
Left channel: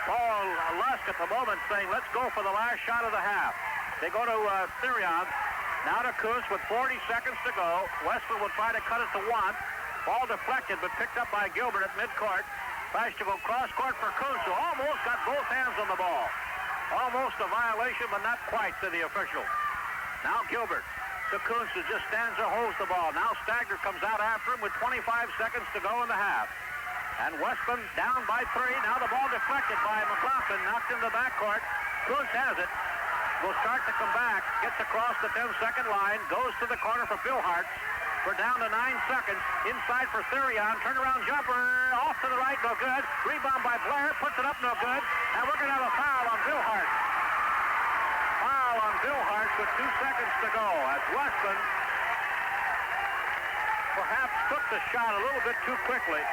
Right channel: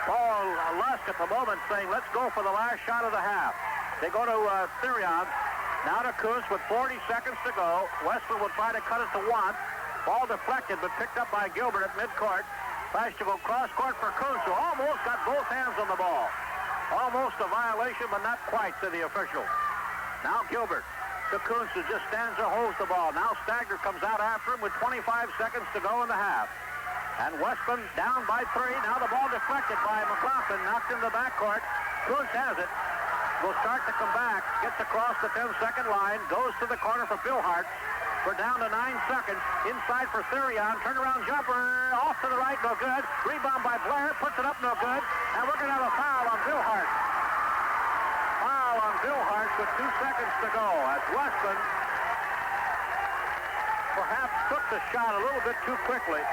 Paul Lusk at the moment saying, let's go for the last shot of the half. They go to Therion. Now to Kuntz with 40 seconds to go. Wesclin will try to cut it to 1. Ball deflected, but picked up by Gilbert at midcourt. Tries to go cross-court for Kuntz, who almost got both hands on the ball. Almost a violation, but not quite to the official. Now Gilbert to Kuntz, who just stands or holds the ball. Now Stagger comes out after him with 25 seconds to go in the half. And Wesclin down by 3. Now the ball deflected by McLaughlin, knocked in the backcourt. Kuntz has it. Will start to come back. Gets across the 10-second line. Goes to the corner for Billhart. We're down to 9 seconds. Inside for Therion. Turnaround jumper. Off to the right, no good. Rebound by Blair. Puts it up, no good. And we're going to have a foul on Billhart. Foul on Billhart with 2 seconds to go. As Wesclin perhaps took the shot a little bit too quickly.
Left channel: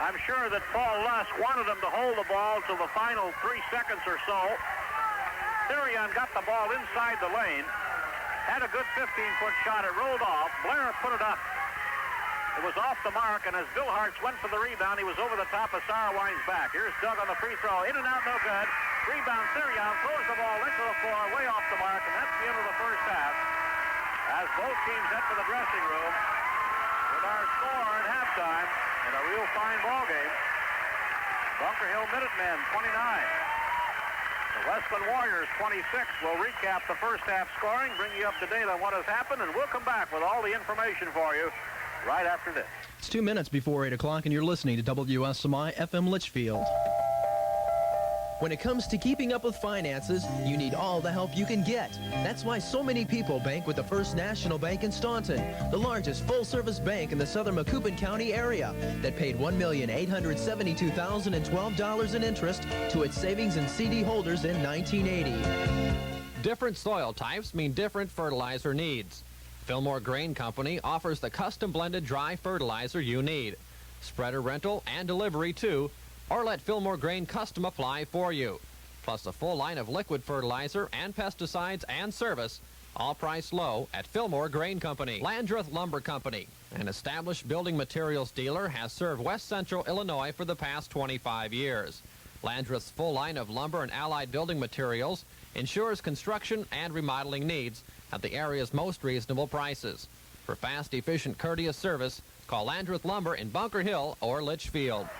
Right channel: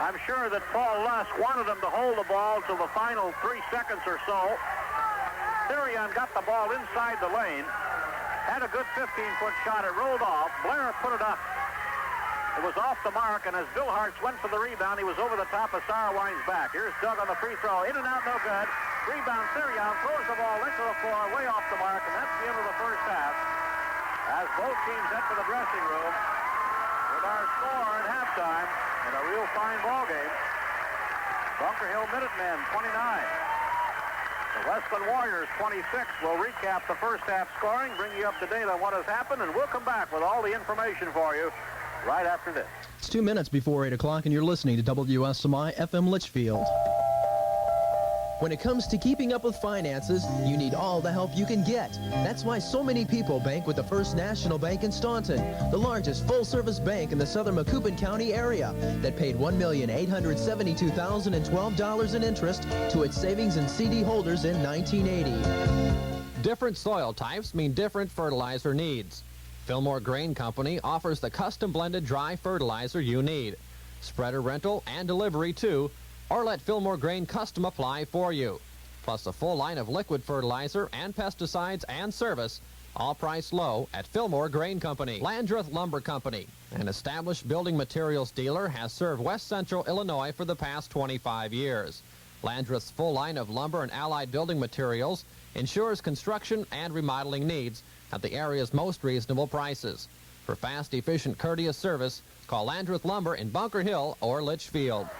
I'm sure that Paul Lusk wanted him to hold the ball till the final 3 seconds or so. Therion got the ball inside the lane. Had a good 15-foot shot. It rolled off. Blair put it up. It was off the mark, and as Bill Hartz went for the rebound, he was over the top of Sauerwein's back. Here's Doug on the free throw. In and out, no good. Rebound, Therion throws the ball into the floor, way off the mark, and that's the end of the first half. As both teams head to the dressing room with our score at halftime in a real fine ball game. Bunker Hill Minutemen, 29. The Wesclin Warriors, 26. We'll recap the first half scoring, bring you up to date on what has happened, and we'll come back with all the information for you right after this. It's 2 minutes before 8 o'clock, and you're listening to WSMI FM Litchfield. When it comes to keeping up with finances, you need all the help you can get. That's why so many people bank with the First National Bank in Staunton, the largest full-service bank in the southern Macoupin County area that paid $1,872,012 in interest to its savings and CD holders in 1980. Different soil types mean different fertilizer needs. Fillmore Grain Company offers the custom blended dry fertilizer you need. Spreader rental and delivery too, or let Fillmore Grain Custom apply for you. Plus a full line of liquid fertilizer and pesticides and service, all priced low at Fillmore Grain Company. Landreth Lumber Company, an established building materials dealer, has served West Central Illinois for the past 25 years. Landreth's full line of lumber and allied building materials ensures construction and remodeling needs at the area's most reasonable prices. For fast, efficient, courteous service, call Landreth Lumber in Bunker Hill or Litchfield.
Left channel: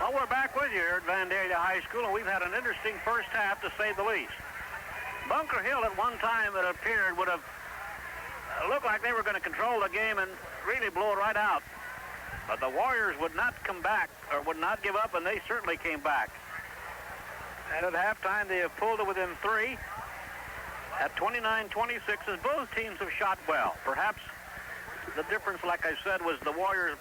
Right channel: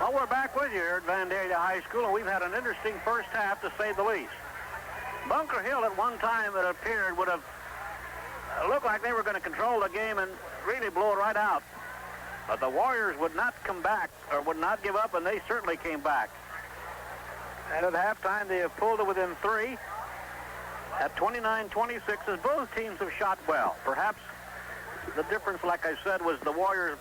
Well, we're back with you here at Vandalia High School, and we've had an interesting first half, to say the least. Bunker Hill at one time, it appeared, would have looked like they were going to control the game and really blow it right out. But the Warriors would not come back, or would not give up, and they certainly came back. And at halftime, they have pulled it within 3 at 29-26, as both teams have shot well. Perhaps The difference, like I said, was the Warriors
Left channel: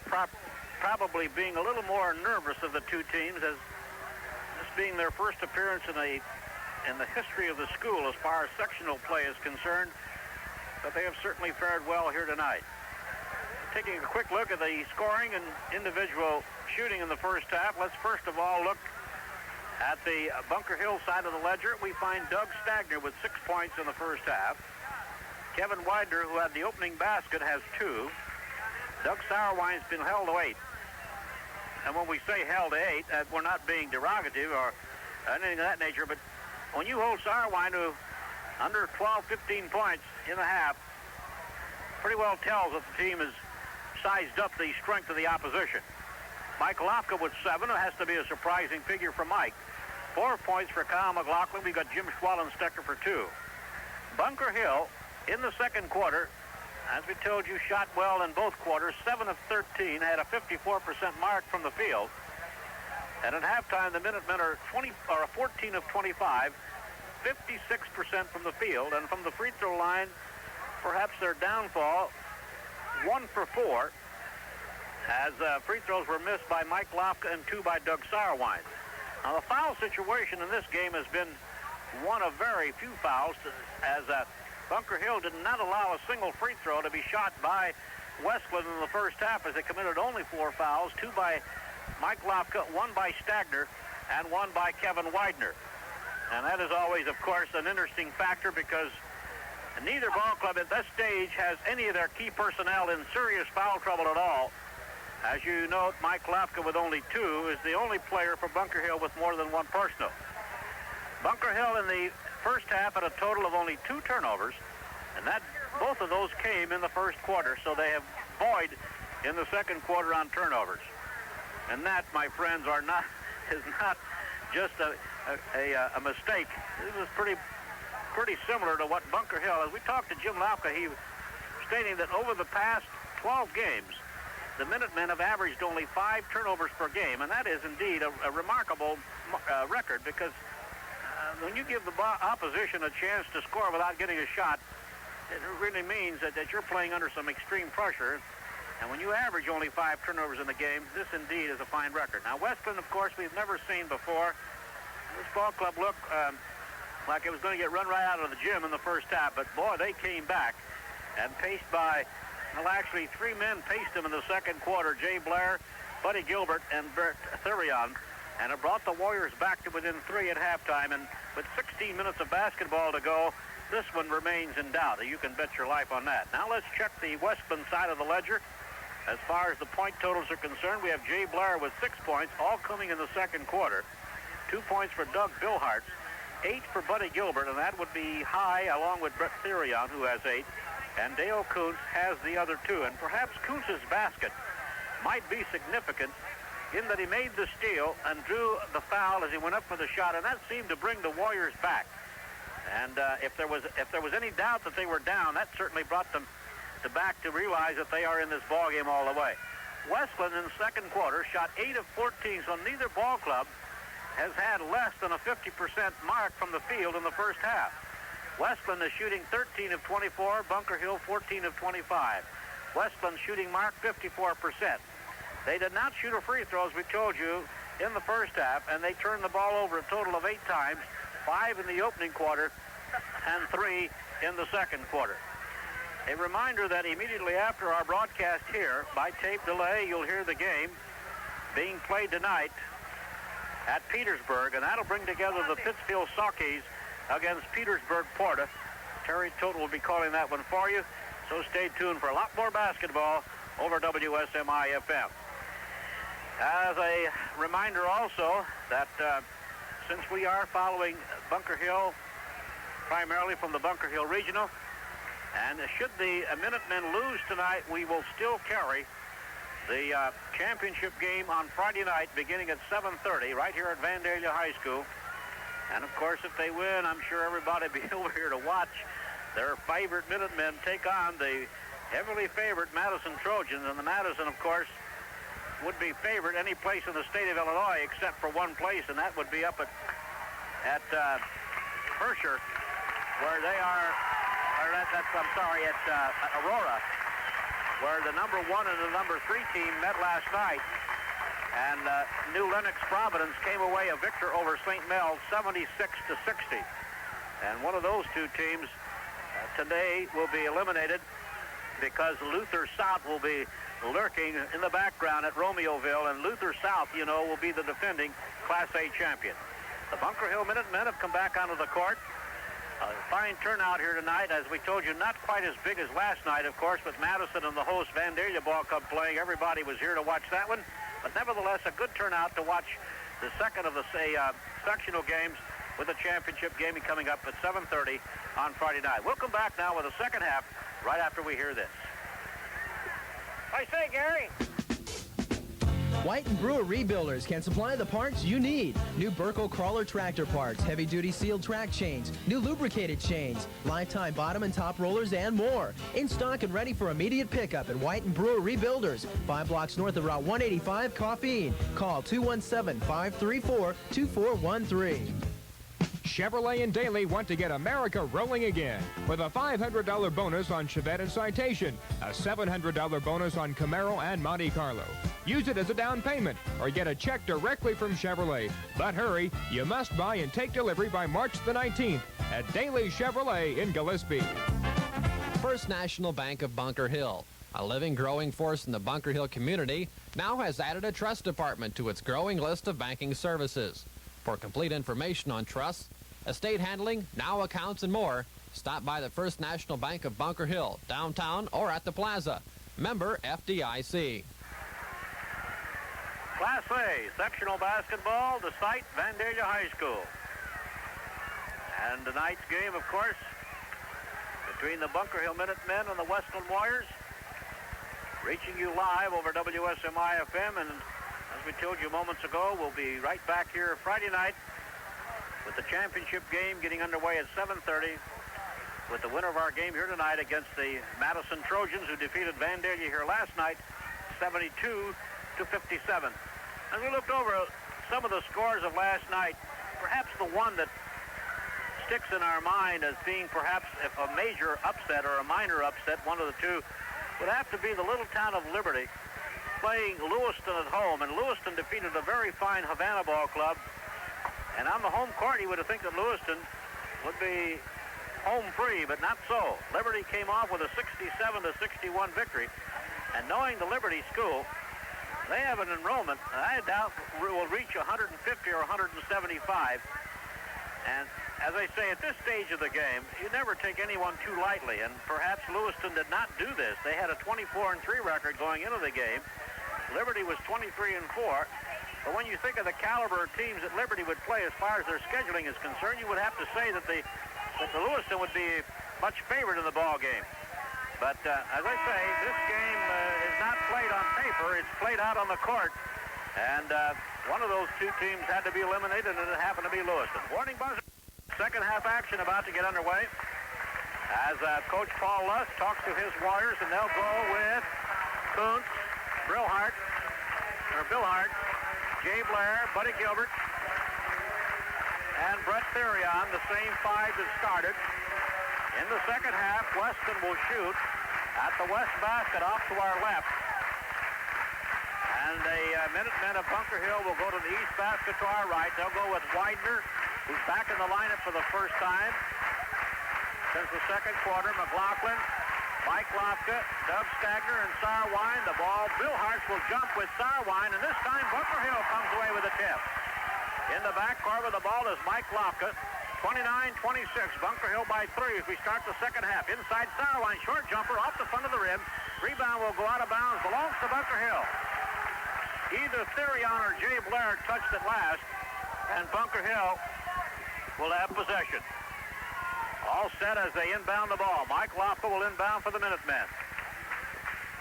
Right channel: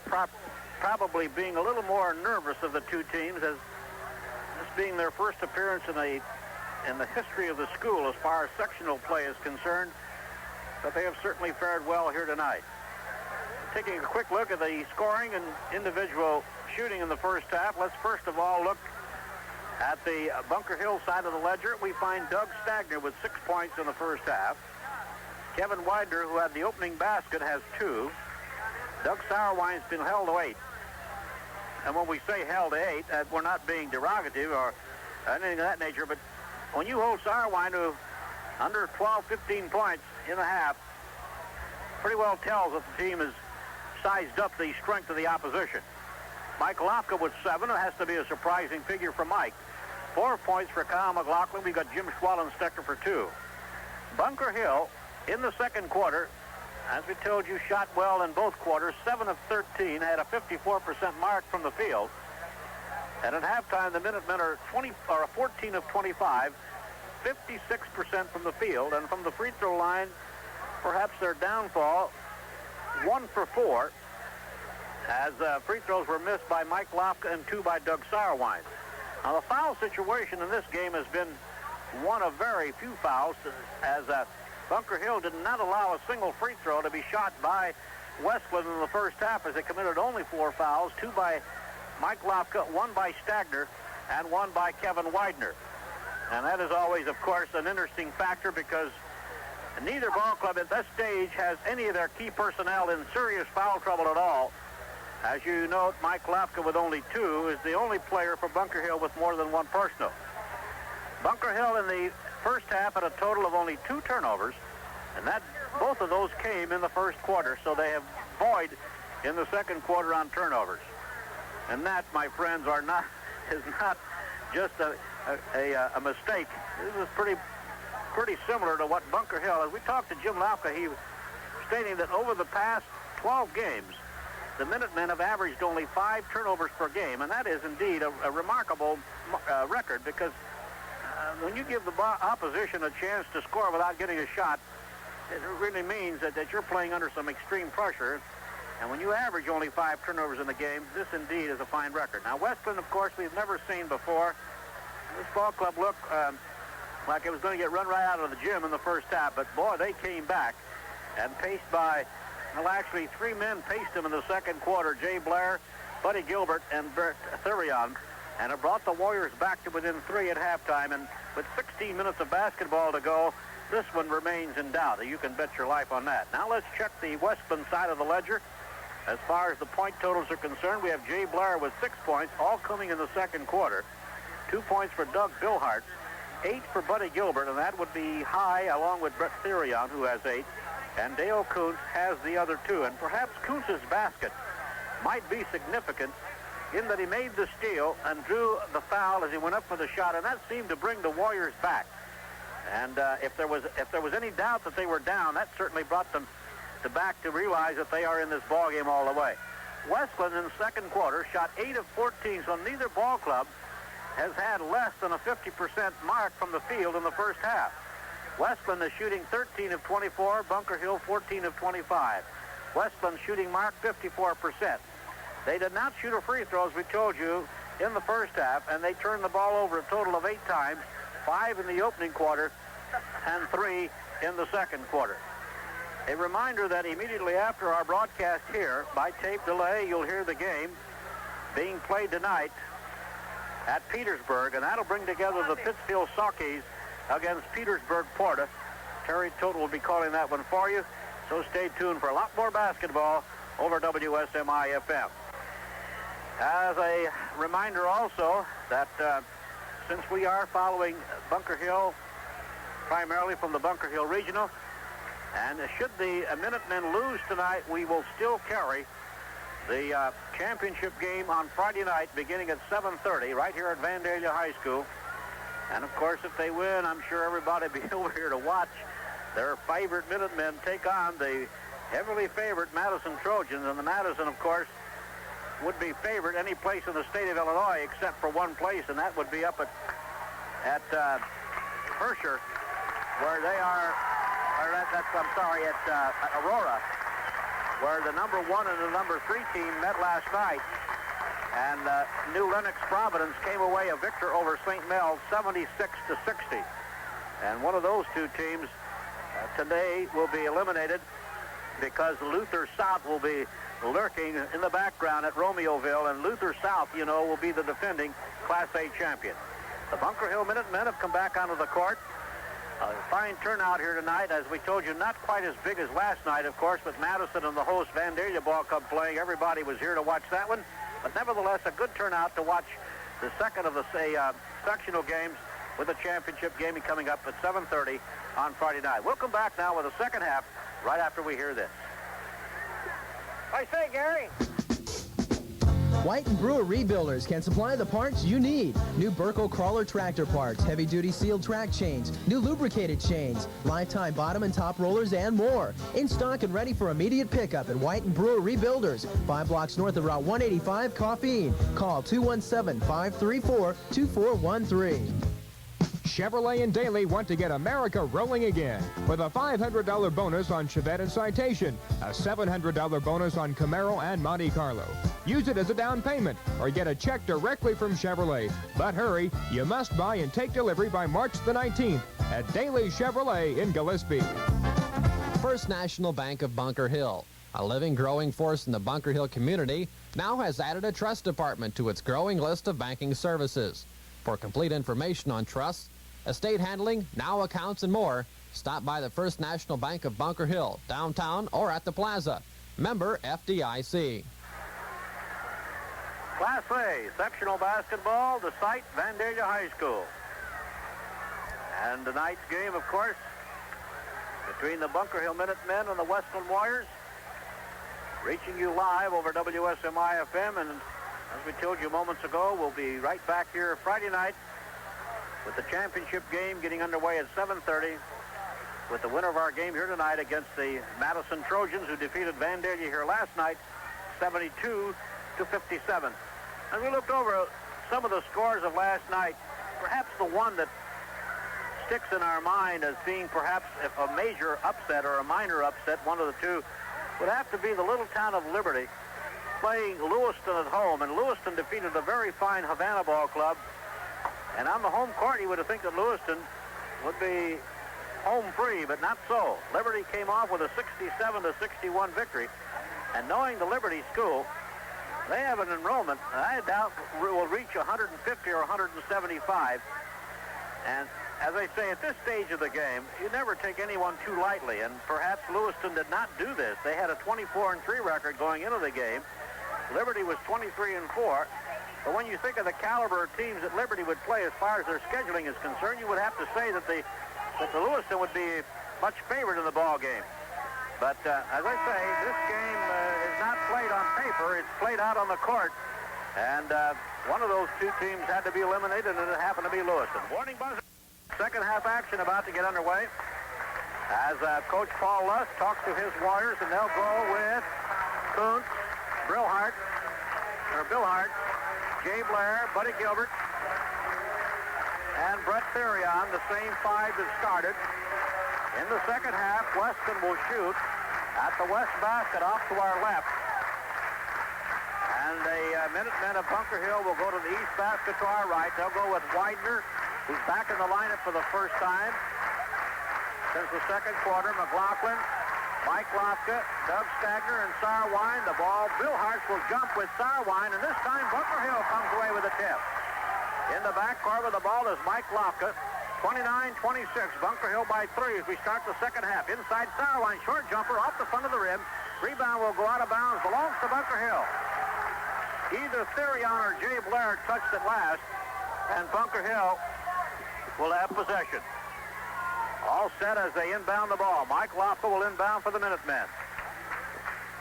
probably being a little more nervous of the two teams, as this being their first appearance in the history of the school as far as sectional play is concerned. But they have certainly fared well here tonight. Taking a quick look at the scoring and individual shooting in the first half, let's first of all look at the Bunker Hill side of the ledger. We find Doug Stagner with 6 points in the first half. Kevin Widener, who had the opening basket, has 2. Doug Sauerwein's been held to 8. And when we say held to 8, we're not being derogative or anything of that nature, but when you hold Sauerwein to under 12, 15 points in a half, pretty well tells that the team has sized up the strength of the opposition. Mike Lofka with 7. It has to be a surprising figure for Mike. 4 points for Kyle McLaughlin. We've got Jim Schwallenstecker for 2. Bunker Hill, in the second quarter, as we told you, shot well in both quarters. 7 of 13, had a 54% mark from the field. And at halftime, the Minutemen are 14 of 25, 56% from the field. And from the free throw line, perhaps their downfall, 1 for 4, as free throws were missed by Mike Lofka and 2 by Doug Sauerwein. Now, the foul situation in this game has been one of very few fouls, as Bunker Hill did not allow a single free throw to be shot by Wesclin in the first half, as they committed only 4 fouls, 2 by Mike Lofka, 1 by Stagner, and 1 by Kevin Widener. And that is always, of course, an interesting factor, because neither ball club at this stage has any of their key personnel in serious foul trouble at all. As you note, Mike Lofka with only 2 is the only player for Bunker Hill with more than 1 personal. Bunker Hill in the first half had a total of only 2 turnovers, and both of those came in the first quarter, so they have void in the second quarter on turnovers. And that, my friends, is not just a mistake. This is pretty similar to what Bunker Hill, as we talked to Jim Lauka, he was stating that over the past 12 games, the Minutemen have averaged only 5 turnovers per game, and that is indeed a remarkable record, because when you give the opposition a chance to score without getting a shot, it really means that you're playing under some extreme pressure. And when you average only 5 turnovers in the game, this indeed is a fine record. Now, Wesclin, of course, we've never seen before. This ball club looked like it was going to get run right out of the gym in the first half, but boy, they came back and paced by, well, actually 3 men paced them in the second quarter: Jay Blair, Buddy Gilbert, and Bert Thurion. And it brought the Warriors back to within 3 at halftime. And with 16 minutes of basketball to go, this one remains in doubt. You can bet your life on that. Now let's check the Wesclin side of the ledger. As far as the point totals are concerned, we have Jay Blair with 6 points, all coming in the second quarter. 2 points for Doug Billhartz, 8 for Buddy Gilbert, and that would be high, along with Brett Thurion, who has 8. And Dale Kuntz has the other 2. And perhaps Kuntz's basket might be significant in that he made the steal and drew the foul as he went up for the shot, and that seemed to bring the Warriors back. And if there was any doubt that they were down, that certainly brought them back to realize that they are in this ball game all the way. Wesclin in the second quarter shot 8 of 14, so neither ball club has had less than a 50% mark from the field in the first half. Wesclin is shooting 13 of 24, Bunker Hill 14 of 25. Wesclin's shooting mark 54%. They did not shoot a free throw, as we told you, in the first half, and they turned the ball over a total of 8 times, 5 in the opening quarter and 3 in the second quarter. A reminder that immediately after our broadcast here, by tape delay, you'll hear the game being played tonight at Petersburg, and that'll bring together the Pittsfield Saukees against Petersburg Porta. Terry Total will be calling that one for you, so stay tuned for a lot more basketball over WSMI-FM. As a reminder also that since we are following Bunker Hill primarily from the Bunker Hill Regional, and should the Minutemen lose tonight, we will still carry the championship game on Friday night beginning at 7:30 right here at Vandalia High School. And of course, if they win, I'm sure everybody will be over here to watch their favorite Minutemen take on the heavily favored Madison Trojans. And the Madison, of course, would be favored any place in the state of Illinois except for one place, and that would be up at Herscher, where they are, or at Aurora, where the number 1 and the number 3 team met last night. And New Lenox Providence came away a victor over St. Mel 76-60. And one of those two teams today will be eliminated because Luther South will be lurking in the background at Romeoville, and Luther South, you know, will be the defending Class A champion. The Bunker Hill Minutemen have come back onto the court. A fine turnout here tonight. As we told you, not quite as big as last night, of course, with Madison and the host Vandalia Ball Club playing. Everybody was here to watch that one. But nevertheless, a good turnout to watch the second of the sectional games with the championship game coming up at 7:30 on Friday night. We'll come back now with the second half right after we hear this. I say, Gary. White and Brewer Rebuilders can supply the parts you need. New Burco crawler tractor parts, heavy-duty sealed track chains, new lubricated chains, lifetime bottom and top rollers, and more. In stock and ready for immediate pickup at White and Brewer Rebuilders, 5 blocks north of Route 185, Coffeen. Call 217-534-2413. Chevrolet and Daly want to get America rolling again with a $500 bonus on Chevette and Citation, a $700 bonus on Camaro and Monte Carlo. Use it as a down payment or get a check directly from Chevrolet. But hurry, you must buy and take delivery by March the 19th at Daly Chevrolet in Gillespie. First National Bank of Bunker Hill, a living, growing force in the Bunker Hill community, now has added a trust department to its growing list of banking services. For complete information on trusts, estate handling, now accounts, and more, stop by the First National Bank of Bunker Hill, downtown or at the plaza. Member FDIC. Class A, sectional basketball, the site, Vandalia High School. And tonight's game, of course, between the Bunker Hill Minutemen and the Wesclin Warriors, reaching you live over WSMI-FM, and as we told you moments ago, we'll be right back here Friday night with the championship game getting underway at 7:30 with the winner of our game here tonight against the Madison Trojans, who defeated Vandalia here last night 72-57. As we looked over some of the scores of last night, perhaps the one that sticks in our mind as being perhaps if a major upset or a minor upset, one of the two, would have to be the little town of Liberty playing Lewiston at home. And Lewiston defeated a very fine Havana Ball Club. And on the home court, you would have think that Lewiston would be home free, but not so. Liberty came off with a 67-61 victory. And knowing the Liberty School, they have an enrollment, I doubt will reach 150 or 175. And as I say, at this stage of the game, you never take anyone too lightly. And perhaps Lewiston did not do this. They had a 24-3 record going into the game. Liberty was 23-4. But when you think of the caliber of teams that Liberty would play as far as their scheduling is concerned, you would have to say that the Lewiston would be much favored in the ball game. But as I say, this game is not played on paper. It's played out on the court. And one of those two teams had to be eliminated, and it happened to be Lewiston. Warning buzzer. Second half action about to get underway as Coach Paul Lust talks to his Warriors, and they'll go with Kuntz, Billhart, Jay Blair, Buddy Gilbert, and Brett Therion, the same five that started. In the second half, Weston will shoot at the west basket off to our left. And the Minutemen of Bunker Hill will go to the east basket to our right. They'll go with Widener, who's back in the lineup for the first time since the second quarter. McLaughlin, Mike Lofka, Doug Stagner, and Sarwine. The ball, Bill Hartz will jump with Sarwine, and this time Bunker Hill comes away with a tip. In the backcourt with the ball is Mike Lofka. 29-26, Bunker Hill by 3 as we start the second half. Inside Sarwine, short jumper off the front of the rim. Rebound will go out of bounds, belongs to Bunker Hill. Either Therion or Jay Blair touched it last, and Bunker Hill will have possession. All set as they inbound the ball. Mike Lofka will inbound for the Minutemen.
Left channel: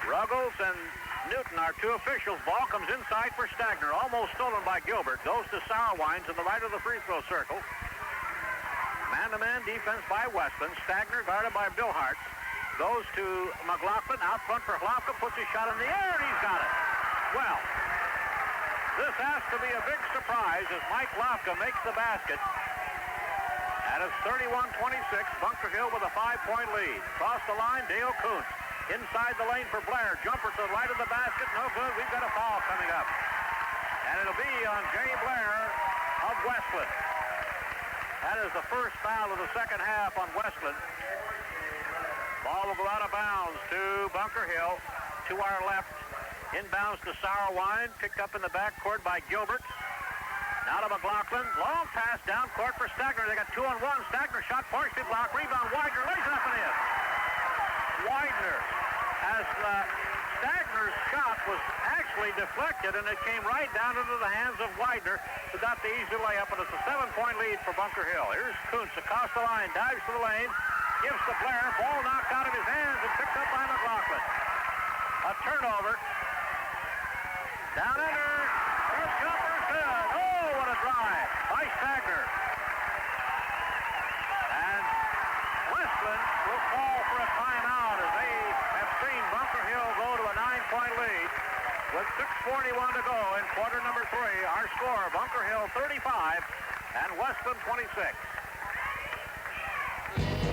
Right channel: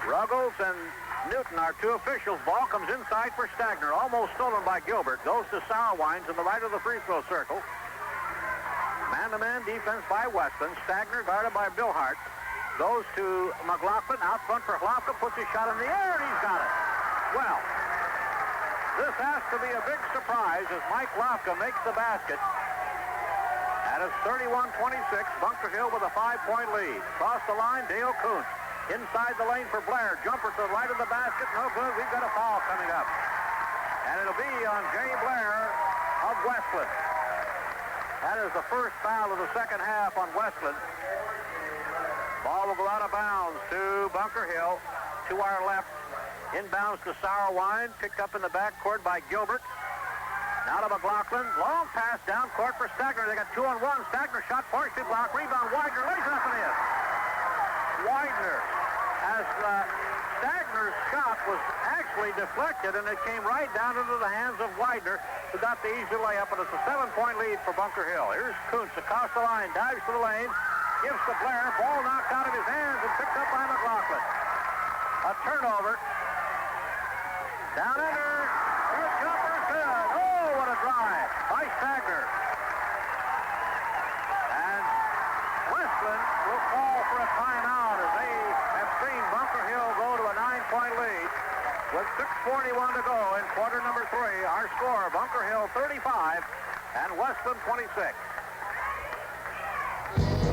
Ruggles and Newton are two officials. Ball comes inside for Stagner. Almost stolen by Gilbert. Goes to Sarwine to the right of the free throw circle. Man-to-man defense by Weston. Stagner guarded by Bill Hart. Goes to McLaughlin. Out front for Lofka. Puts his shot in the air, and he's got it. Well, this has to be a big surprise as Mike Lofka makes the basket. And it's 31-26, Bunker Hill with a 5-point lead. Across the line, Dale Kuntz. Inside the lane for Blair. Jumper to the right of the basket. No good. We've got a foul coming up. And it'll be on Jay Blair of Wesclin. That is the first foul of the second half on Wesclin. Ball will go out of bounds to Bunker Hill. To our left. Inbounds to Sauerwein. Picked up in the backcourt by Gilbert. Now to McLaughlin. Long pass down court for Stagner. They got 2-on-1. Stagner shot partially blocked. Rebound. Widener lays it up and in. Widener, as Stagner's shot was actually deflected, and it came right down into the hands of Widener, who got the easy layup, and it's a 7-point lead for Bunker Hill. Here's Kuntz across the line, dives to the lane, gives to Blair. Ball knocked out of his hands and picked up by McLaughlin. A turnover. Down under. First jumper's good. Oh, what a drive by Stagner. And Wesclin will call for a timeout as they have seen Bunker Hill go to a 9-point lead with 6:41 to go in quarter number 3. Our score, Bunker Hill 35 and Wesclin 26.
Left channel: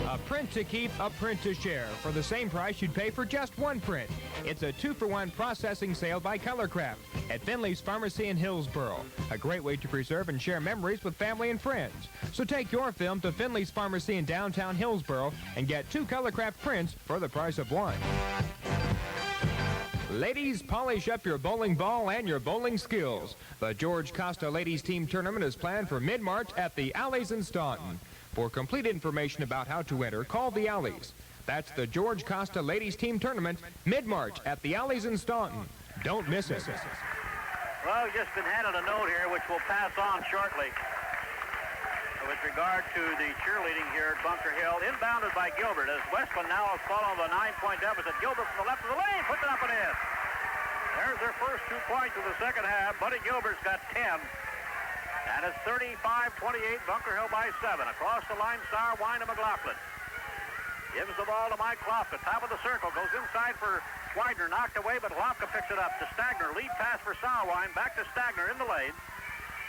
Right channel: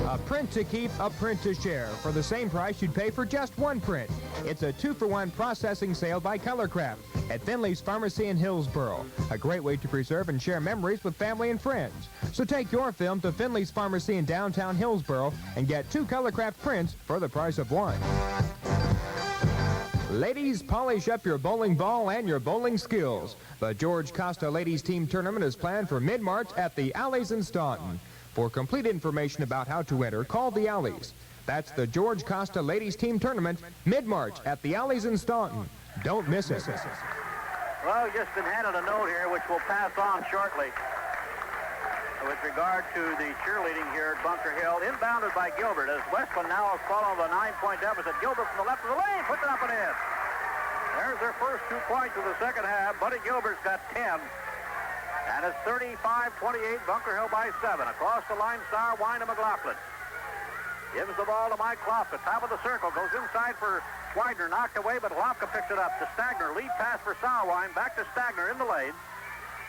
A print to keep, a print to share. For the same price you'd pay for just one print. It's a 2-for-1 processing sale by Colorcraft at Finley's Pharmacy in Hillsboro. A great way to preserve and share memories with family and friends. So take your film to Finley's Pharmacy in downtown Hillsboro and get 2 Colorcraft prints for the price of 1. Ladies, polish up your bowling ball and your bowling skills. The George Costa Ladies Team Tournament is planned for mid-March at the Alleys in Staunton. For complete information about how to enter, call the Alleys. That's the George Costa Ladies Team Tournament, mid-March at the Alleys in Staunton. Don't miss it. Well, we've just been handed a note here, which we'll pass on shortly, with regard to the cheerleading here at Bunker Hill. Inbounded by Gilbert, as Wesclin now has fallen on the 9-point deficit. Gilbert from the left of the lane, puts it up and in. There's their first 2 points of the second half. Buddy Gilbert's got 10. And it's 35-28, Bunker Hill by 7. Across the line, Sauerwein to McLaughlin. Gives the ball to Mike Lofka, top of the circle. Goes inside for Widener, knocked away, but Lofka picks it up to Stagner. Lead pass for Sauerwein, back to Stagner in the lane.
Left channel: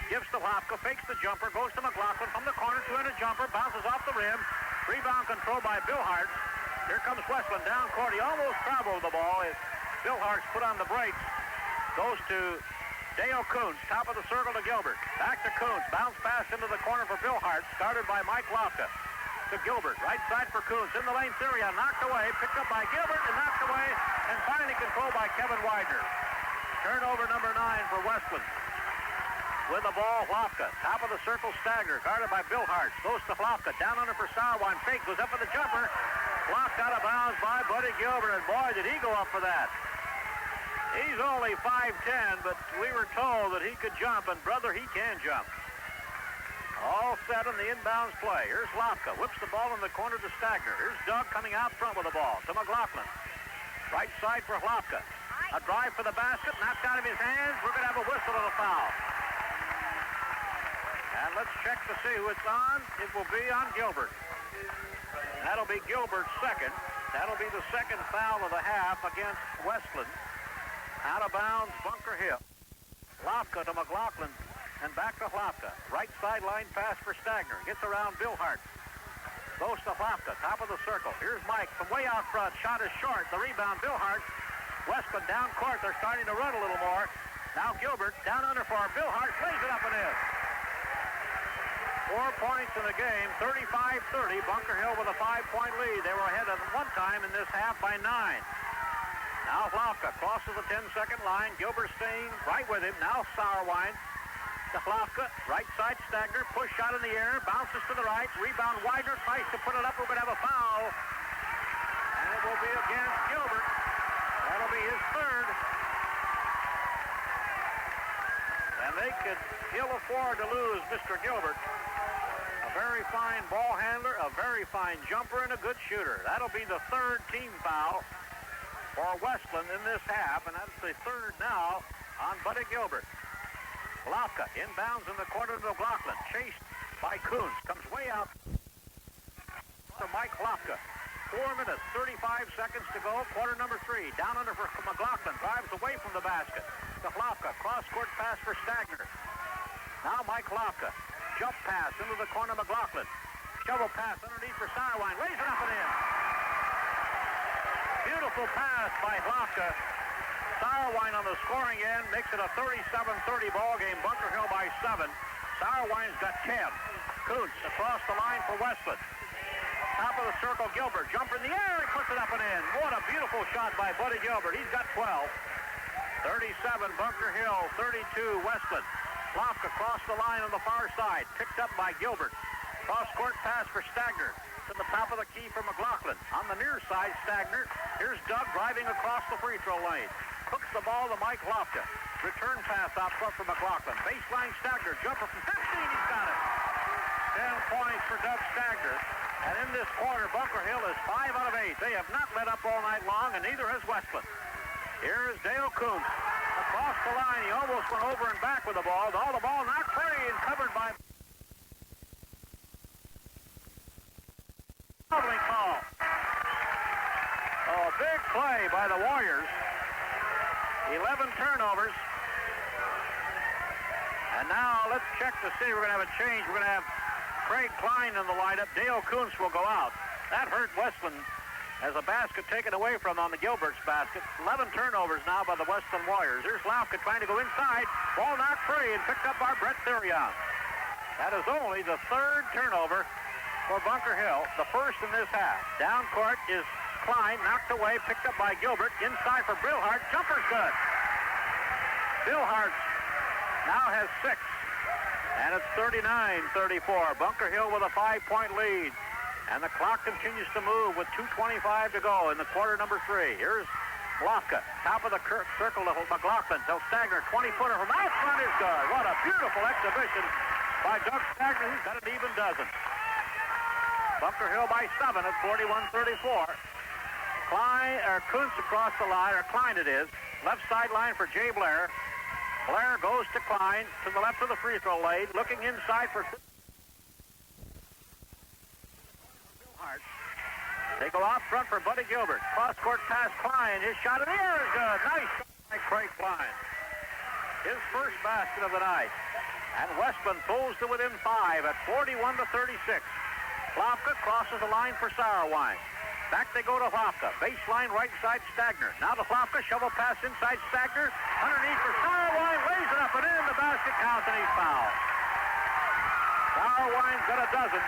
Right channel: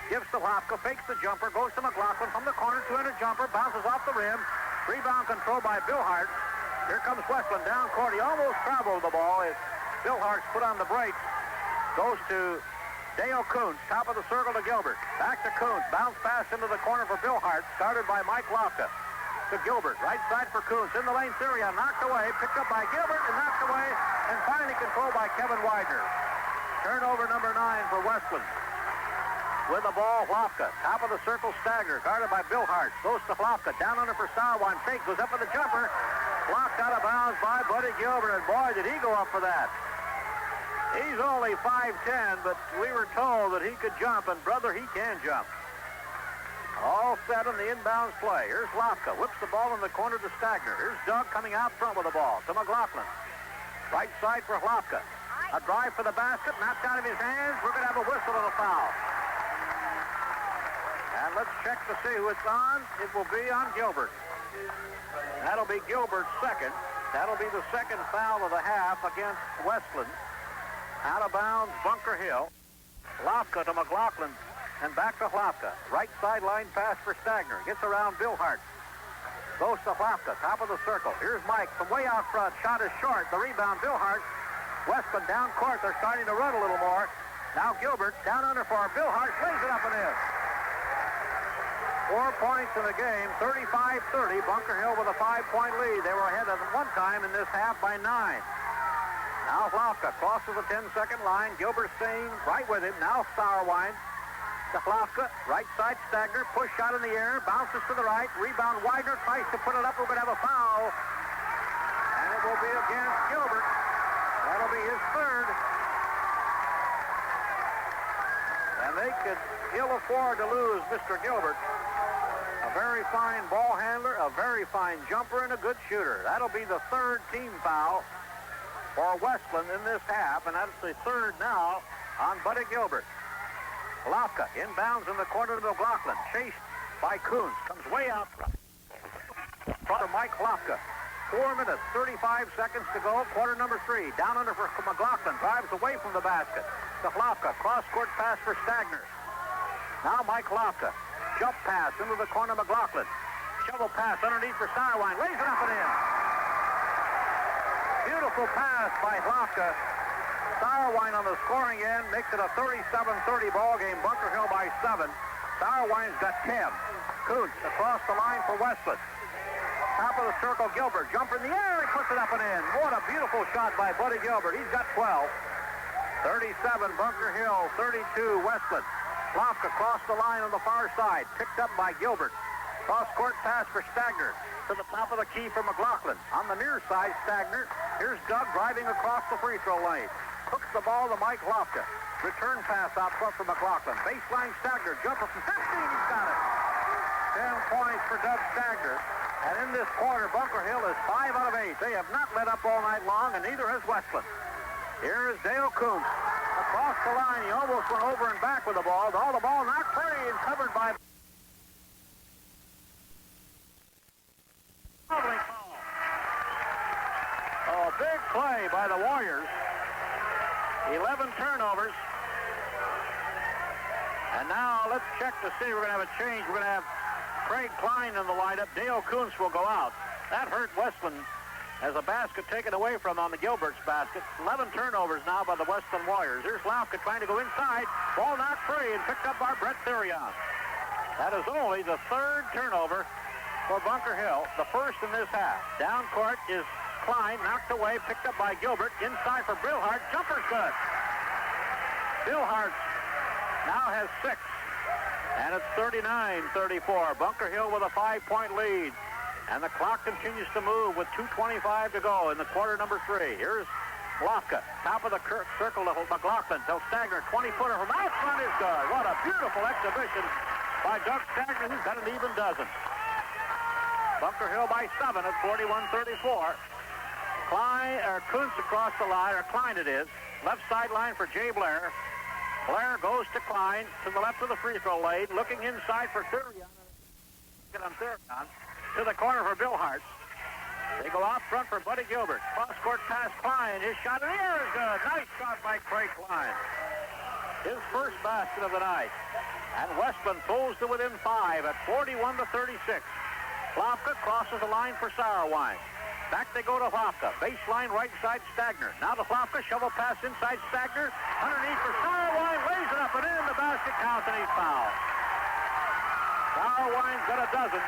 Gives to Lofka, fakes the jumper, goes to McLaughlin from the corner, 2-handed jumper, bounces off the rim. Rebound control by Bill Hart. Here comes Wesclin down court. He almost traveled the ball. Bill Hart's put on the brakes. Goes to Dale Kuntz, top of the circle to Gilbert. Back to Kuntz. Bounce pass into the corner for Bill Hart. Started by Mike Lofka. To Gilbert. Right side for Kuntz. In the lane, Syria. Knocked away. Picked up by Gilbert and knocked away. And finally controlled by Kevin Widener. Turnover number 9 for Wesclin. With the ball, Lofka. Top of the circle, Stagner. Guarded by Bill Hart. Goes to Lofka. Down under for Sauerwein. Fake. Goes up for the jumper. Blocked out of bounds by Buddy Gilbert. And boy, did he go up for that. He's only 5'10", but we were told that he could jump, and brother, he can jump. All set on the inbounds play. Here's Lofka, whips the ball in the corner to Stagner. Here's Doug coming out front with the ball to McLaughlin. Right side for Lofka. A drive for the basket, knocked out of his hands. We're going to have a whistle and a foul. And let's check to see who it's on. It will be on Gilbert. That'll be Gilbert's second. That'll be the second foul of the half against Wesclin. Out of bounds, Bunker Hill. Lofka to McLaughlin and back to Lofka. Right sideline pass for Stagner. Gets around Bill Hart. Goes to Lofka, top of the circle. Here's Mike from way out front. Shot is short. The rebound, Bill Hart. Wesclin down court. They're starting to run a little more. Now Gilbert down under for Bill Hart. Lays it up and in. 4 points in the game. 35-30. Bunker Hill with a 5-point lead. They were ahead at one time in this half by 9. Now Lofka crosses the 10-second line. Gilbert staying right with him. Now Sauerwein to Lofka. Right side Stagner. Push shot in the air. Bounces to the right. Rebound Widener. Tries to put it up. We're going to have a foul. And it will be against Gilbert. That'll be his third. And they could ill afford to lose Mr. Gilbert. A very fine ball handler, a very fine jumper, and a good shooter. That'll be the third team foul for Wesclin in this half, and that's the third now on Buddy Gilbert. Lofka inbounds in the corner to McLaughlin, chased by Kuntz, comes way out front of Mike Lofka. 4 minutes, 35 seconds to go, quarter number 3. Down under for McLaughlin, drives away from the basket. To Lofka, cross-court pass for Stagner. Now Mike Lofka, jump pass into the corner, McLaughlin. Shovel pass underneath for Sauerwein, lays it up and in. Beautiful beautiful pass by Hlofka. Sauerwein on the scoring end makes it a 37-30 ball game. Bunker Hill by 7. Sauerwein's got 10. Kuntz across the line for Wesclin. Top of the circle, Gilbert. Jumper in the air, he puts it up and in. What a beautiful shot by Buddy Gilbert. He's got 12. 37, Bunker Hill. 32, Wesclin. Hlofka across the line on the far side. Picked up by Gilbert. Cross-court pass for Stagner. To the top of the key for McLaughlin. On the near side, Stagner. Here's Doug driving across the free throw lane. Hooks the ball to Mike Hlofka. Return pass out front for McLaughlin. Baseline Stagner. Jumper from 15. He's got it. 10 points for Doug Stagner. And in this quarter, Bunker Hill is 5 out of 8. They have not let up all night long, and neither has Wesclin. Here's Dale Kuntz. Across the line, he almost went over and back with the ball. All the ball not free and covered by... call. Oh, a big play by the Warriors. 11 turnovers. And now let's check to see. We're going to have a change. We're going to have Craig Klein in the lineup. Dale Kuntz will go out. That hurt Wesclin as a basket taken away from on the Gilbert's basket. 11 turnovers now by the Wesclin Warriors. Here's Hlofka trying to go inside. Ball knocked free and picked up by Brett Therion. That is only the third turnover for Bunker Hill, the first in this half. Down court is Klein, knocked away, picked up by Gilbert. Inside for Billhart. Jumper's good. Billhart now has 6. And it's 39-34. Bunker Hill with a 5-point lead. And the clock continues to move with 2:25 to go in the quarter number 3. Here's Hlofka. Top of the circle to McLaughlin. Till Stagner, 20-footer from that front is good. What a beautiful exhibition by Doug Stagner, who's got an even dozen. Bunker Hill by 7 at 41-34. Kuntz across the line, or Klein it is. Left sideline for Jay Blair. Blair goes to Klein to the left of the free throw lane, looking inside for Therion. To the corner for Billhart. They go out front for Buddy Gilbert. Cross-court pass, Klein. His shot in the air is good. Nice shot by Craig Klein. His first basket of the night. And Wesclin pulls to within 5 at 41-36. Hlofka crosses the line for Sauerwein. Back they go to Hlofka. Baseline right side Stagner. Now to Hlofka. Shovel pass inside Stagner. Underneath for Sauerwein. Lays it up and in. The basket counts and he's fouled. Sauerwein's got a dozen.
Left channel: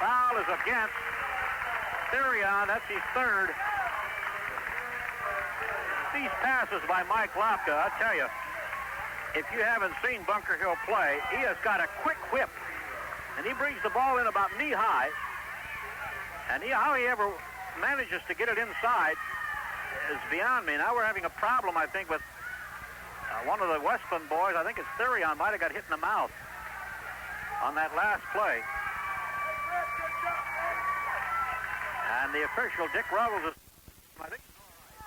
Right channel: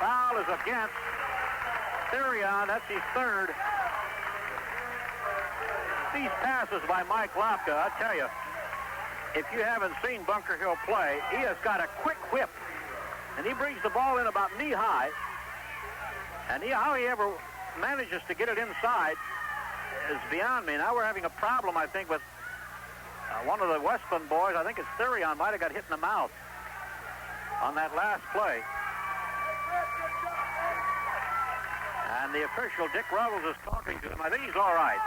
Foul is against Therion. That's his third. These passes by Mike Hlofka, I tell you, if you haven't seen Bunker Hill play, he has got a quick whip. And he brings the ball in about knee-high. And how he ever manages to get it inside is beyond me. Now we're having a problem, I think, with one of the Wesclin boys. I think it's Therion, might have got hit in the mouth on that last play. And the official, Dick Revels, is talking to him. I think he's all right.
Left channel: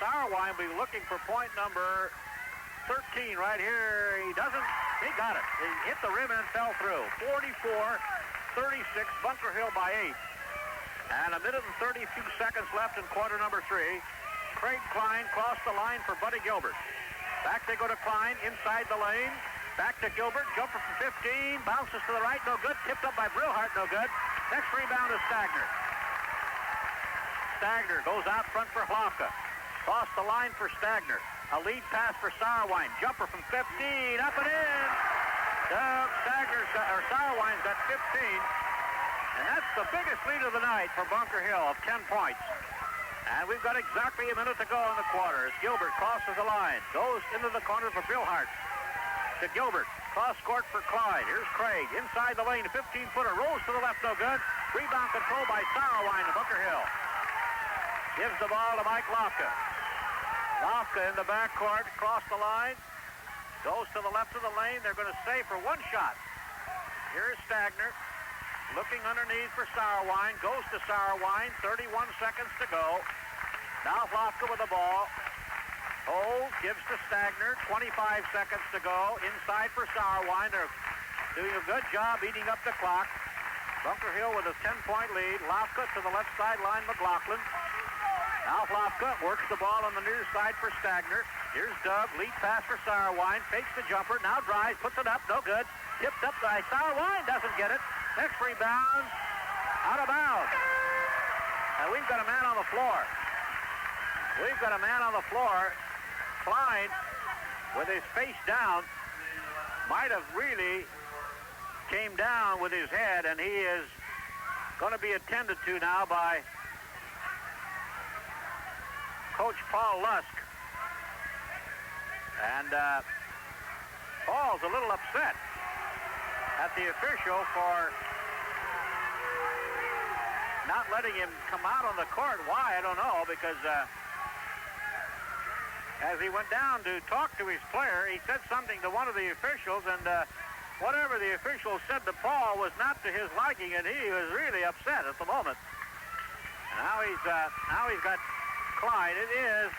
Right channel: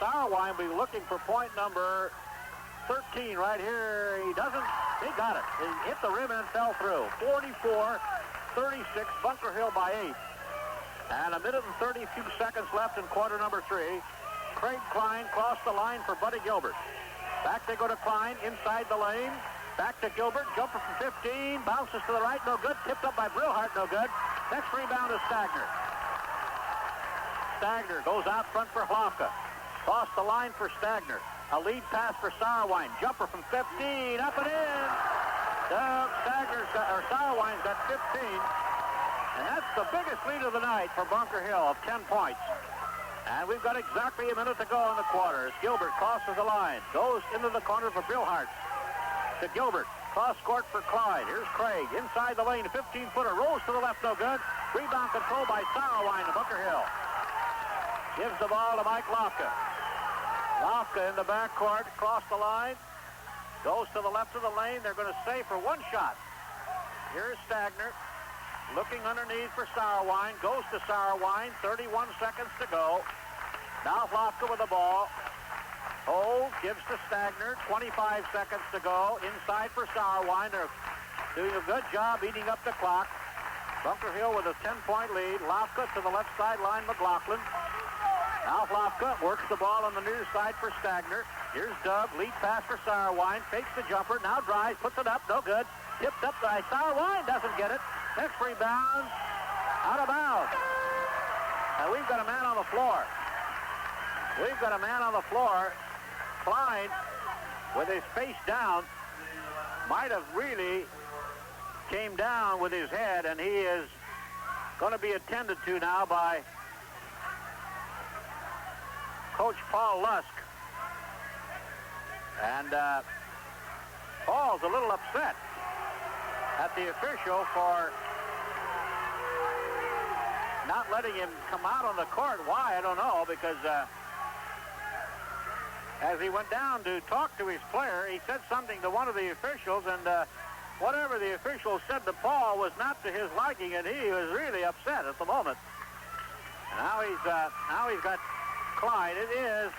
Sauerwein will be looking for point number 13 right here. He doesn't. He got it. He hit the rim and fell through. 44-36, Bunker Hill by 8. And a minute and 32 seconds left in quarter number 3. Craig Klein crossed the line for Buddy Gilbert. Back they go to Klein, inside the lane. Back to Gilbert, jumper from 15, bounces to the right, no good. Tipped up by Brilhart, no good. Next rebound is Stagner. Stagner goes out front for Hlofka. Cross the line for Stagner. A lead pass for Sauerwein. Jumper from 15, up and in. Sauerwein's got 15. And that's the biggest lead of the night for Bunker Hill of 10 points. And we've got exactly a minute to go in the quarter as Gilbert crosses the line. Goes into the corner for Billhart. To Gilbert. Cross court for Clyde. Here's Craig. Inside the lane. A 15-footer. Rolls to the left. No good. Rebound control by Sauerwein to Bunker Hill. Gives the ball to Mike Hlofka. Hlofka in the backcourt. Across the line. Goes to the left of the lane. They're going to save for one shot. Here's Stagner. Looking underneath for Sauerwein. Goes to Sauerwein. 31 seconds to go. Now Hlofka with the ball. Holds, gives to Stagner. 25 seconds to go. Inside for Sauerwein. They're doing a good job eating up the clock. Bunker Hill with a 10-point lead. Hlofka to the left sideline, McLaughlin. Now Hlofka works the ball on the near side for Stagner. Here's Doug. Lead pass for Sauerwein. Takes the jumper. Now drives. Puts it up. No good. Tipped up by Sauerwein. Doesn't get it. Next rebound. Out of bounds. And we've we've got a man on the floor. We've got a man on the floor. Klein, with his face down, might have really came down with his head, and he is going to be attended to now by Coach Paul Lusk. And Paul's a little upset at the official for not letting him come out on the court. Why, I don't know, because as he went down to talk to his player, he said something to one of the officials, and whatever the official said to Paul was not to his liking, and he was really upset at the moment. Now he's got Klein. It is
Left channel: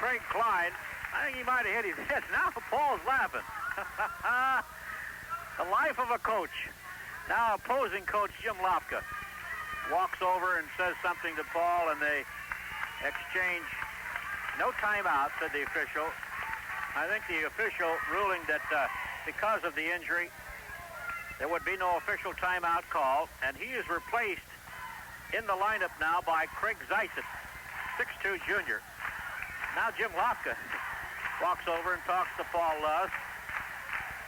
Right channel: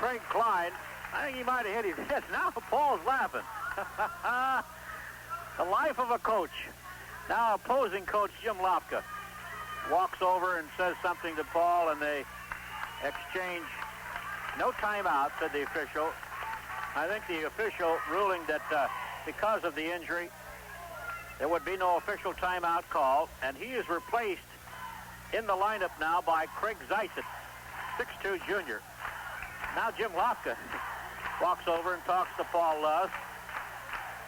Craig Klein. I think he might have hit his head. Now Paul's laughing. The life of a coach. Now opposing coach Jim Lopka walks over and says something to Paul, and they exchange. No timeout, said the official. I think the official ruling that because of the injury, there would be no official timeout call, and he is replaced in the lineup now by Craig Zeitz, 6'2" junior. Now Jim Lopka walks over and talks to Paul Lusk.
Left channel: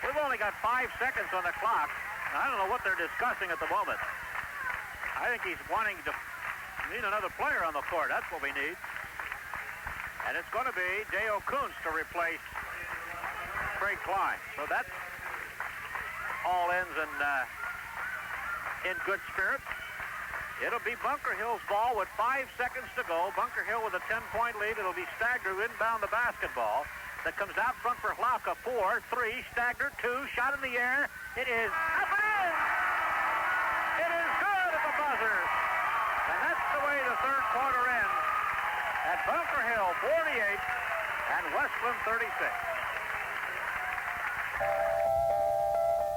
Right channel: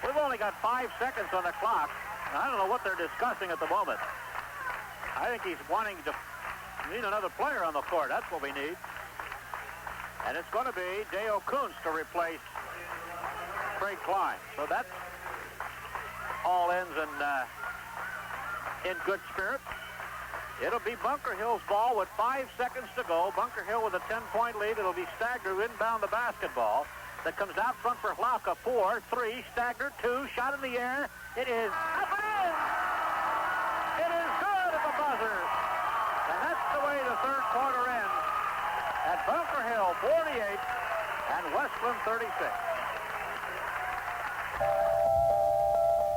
We've only got 5 seconds on the clock. I don't know what they're discussing at the moment. I think he's wanting to need another player on the court. That's what we need. And it's going to be Dale Kuntz to replace Craig Klein. So that all ends in good spirits. It'll be Bunker Hill's ball with 5 seconds to go. Bunker Hill with a 10-point lead. It'll be Stagner who inbound the basketball. That comes out front for Hlauka. 4, 3, Stagner 2, shot in the air. It is up and in. It is good at the buzzer. And that's the way the third quarter ends. At Bunker Hill 48 and Wesclin 36.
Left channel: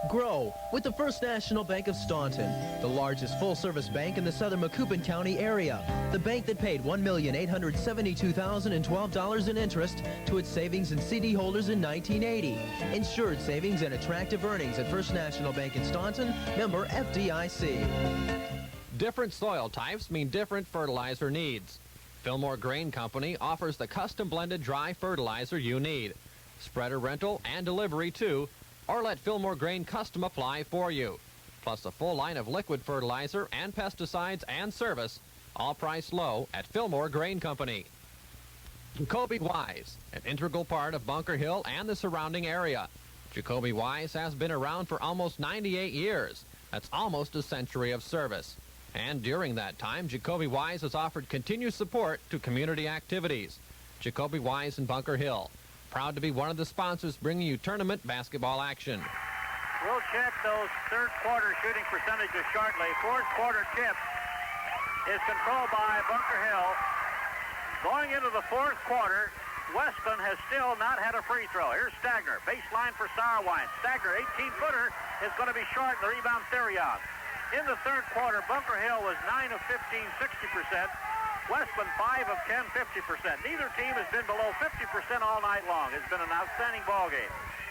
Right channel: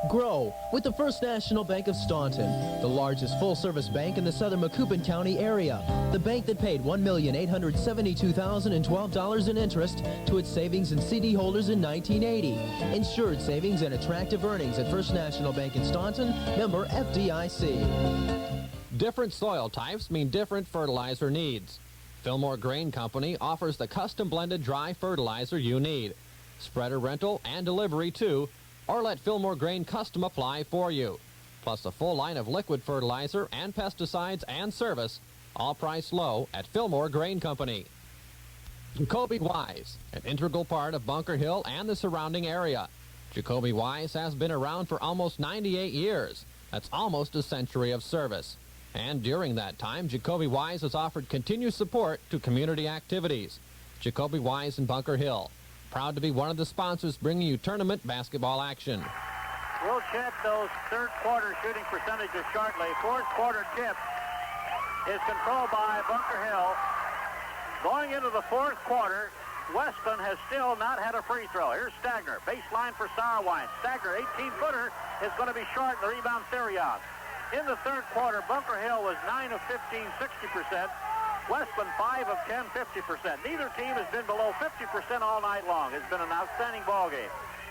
Grow with the First National Bank of Staunton, the largest full-service bank in the southern Macoupin County area. The bank that paid $1,872,012 in interest to its savings and CD holders in 1980. Insured savings and attractive earnings at First National Bank in Staunton, member FDIC. Different soil types mean different fertilizer needs. Fillmore Grain Company offers the custom blended dry fertilizer you need. Spreader rental and delivery too, or let Fillmore Grain Custom apply for you. Plus a full line of liquid fertilizer and pesticides and service, all priced low at Fillmore Grain Company. Jacoby Wise, an integral part of Bunker Hill and the surrounding area. Jacoby Wise has been around for almost 98 years. That's almost a century of service. And during that time, Jacoby Wise has offered continued support to community activities. Jacoby Wise in Bunker Hill, proud to be one of the sponsors bringing you tournament basketball action. We'll check those third quarter shooting percentages shortly. Fourth quarter tip is controlled by Bunker Hill. Going into the fourth quarter, Wesclin has still not had a free throw. Here's Stagner, baseline for Sauerwein. Stagner, 18-footer, is going to be short. The rebound, Therion. In the third quarter, Bunker Hill was 9 of 15, 60%. Wesclin 5 of 10, 50%. Neither team has been below 50% all night long. It's been an outstanding ball game.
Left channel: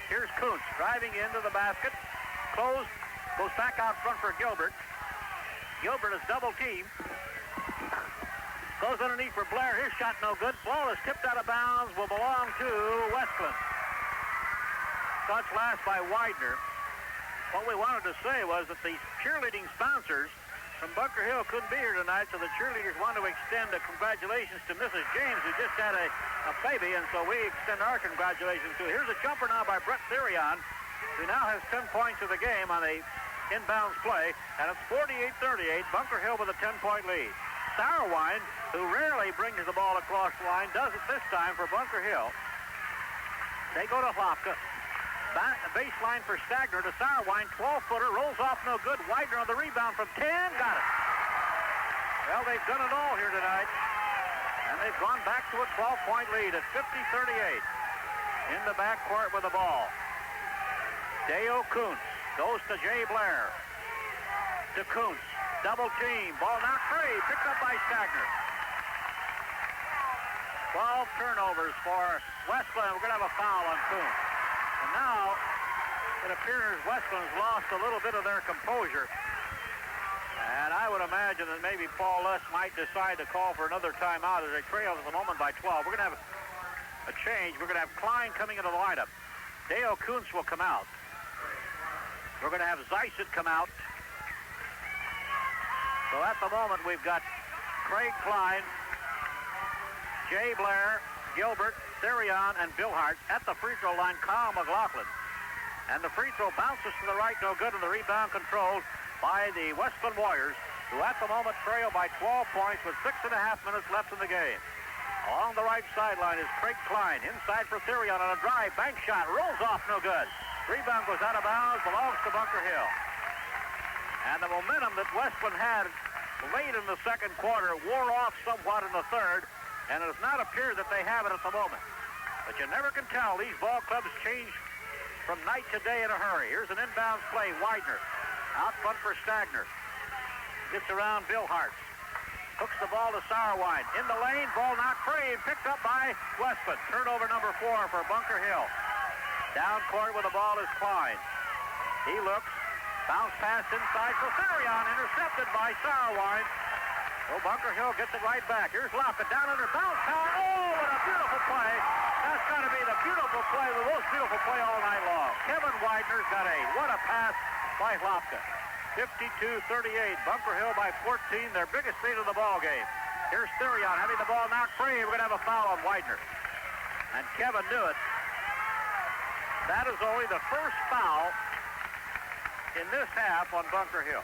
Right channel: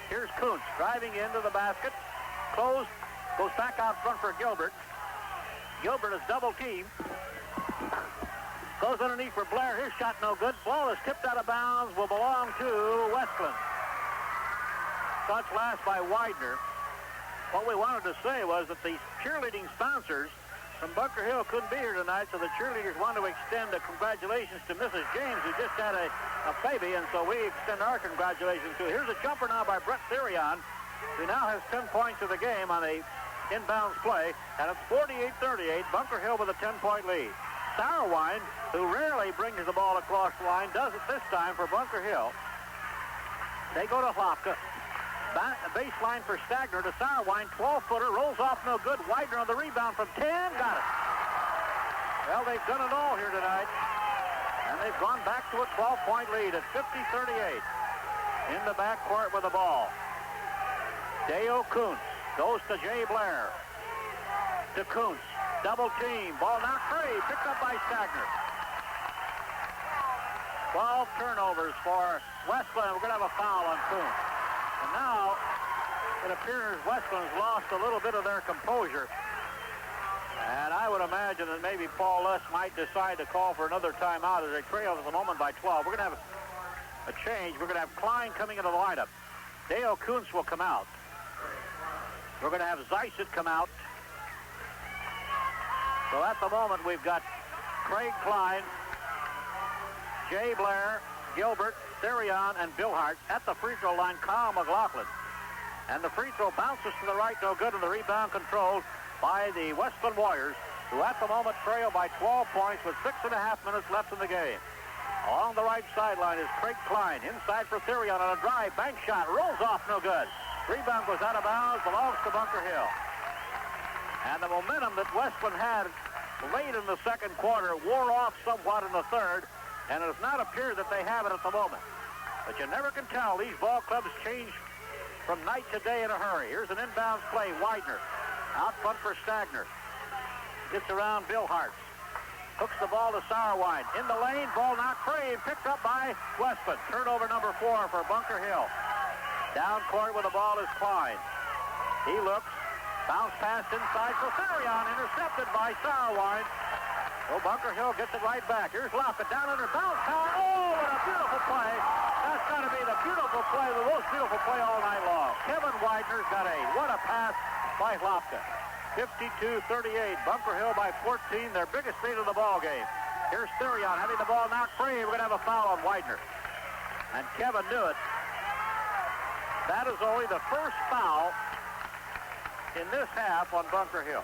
Here's Kuntz driving into the basket. Close, goes back out front for Gilbert. Gilbert is double teamed. Goes underneath for Blair. His shot no good. Ball is tipped out of bounds. Will belong to Wesclin. Touch last by Widener. What we wanted to say was that the cheerleading sponsors from Bunker Hill couldn't be here tonight, so the cheerleaders want to extend the congratulations to Mrs. James, who just had a baby, and so we extend our congratulations to her. Here's a jumper now by Brett Therion, who now has 10 points of the game on a inbounds play, and it's 48-38, Bunker Hill with a 10-point lead. Sauerwein, who rarely brings the ball across the line, does it this time for Bunker Hill. They go to Hlauka. Back the baseline for Stagner to Sauerwein, 12-footer, rolls off no good. Widener on the rebound from 10, got it. Well, they've done it all here tonight, and they've gone back to a 12-point lead at 50-38 in the backcourt with the ball. Dale Kuntz goes to Jay Blair. To Kuntz, double team, ball not free, picked up by Stagner. 12 turnovers for Wesclin. We're going to have a foul on Kuntz. And now, it appears Wesclin's lost a little bit of their composure. And I would imagine imagine that maybe Paul Less might decide to call for another timeout as they trail at the moment by 12. We're going to have a change. We're going to have Klein coming into the lineup. Dale Kuntz will come out. We're going to have Zeisset come out. So at the moment, we've got Craig Klein, Jay Blair, Gilbert, Therion, and Billhart. At the free throw line, Kyle McLaughlin. And the free throw bounces to the right, no good, and the rebound controlled by the Wesclin Warriors, who at the moment trail by 12 points with 6.5 minutes left in the game. Along the right sideline is Craig Klein. Inside for Therion on a drive. Bank shot. Rolls off. No good. Rebound goes out of bounds. Belongs to Bunker Hill. And the momentum that Wesclin had late in the second quarter wore off somewhat in the third. And it does not appear that they have it at the moment. But you never can tell. These ball clubs change from night to day in a hurry. Here's an inbound play. Widener. Out front for Stagner. Gets around Billhart. Hooks the ball to Sauerwein. In the lane, ball knocked free and picked up by Wesclin. Turnover number 4 for Bunker Hill. Down court with the ball is Klein. He looks. Bounce pass inside for Therion. Intercepted by Sauerwein. Well, Bunker Hill gets it right back. Here's Lofka down under bounce pass. Oh, what a beautiful play. That's got to be the beautiful play, the most beautiful play all night long. Kevin Widener's got what a pass by Lofka. 52-38. Bunker Hill by 14, their biggest lead of the ball game. Here's Therion having the ball knocked free. We're going to have a foul on Widener. And Kevin knew it. That is only the first foul in this half on Bunker Hill.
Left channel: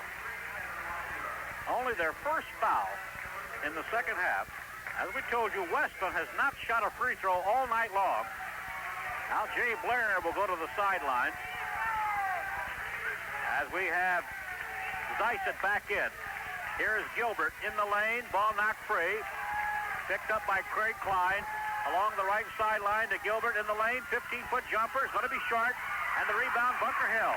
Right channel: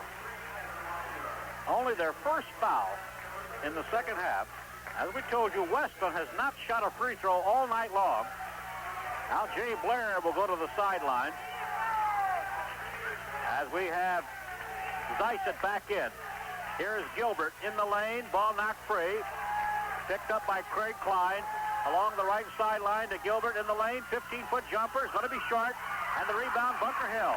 Only their first foul in the second half. As we told you, Wesclin has not shot a free throw all night long. Now Jay Blair will go to the sideline. As we have Zeisset back in. Here's Gilbert in the lane. Ball knocked free. Picked up by Craig Klein. Along the right sideline to Gilbert in the lane. 15-foot jumper. Is going to be short. And the rebound, Bunker Hill.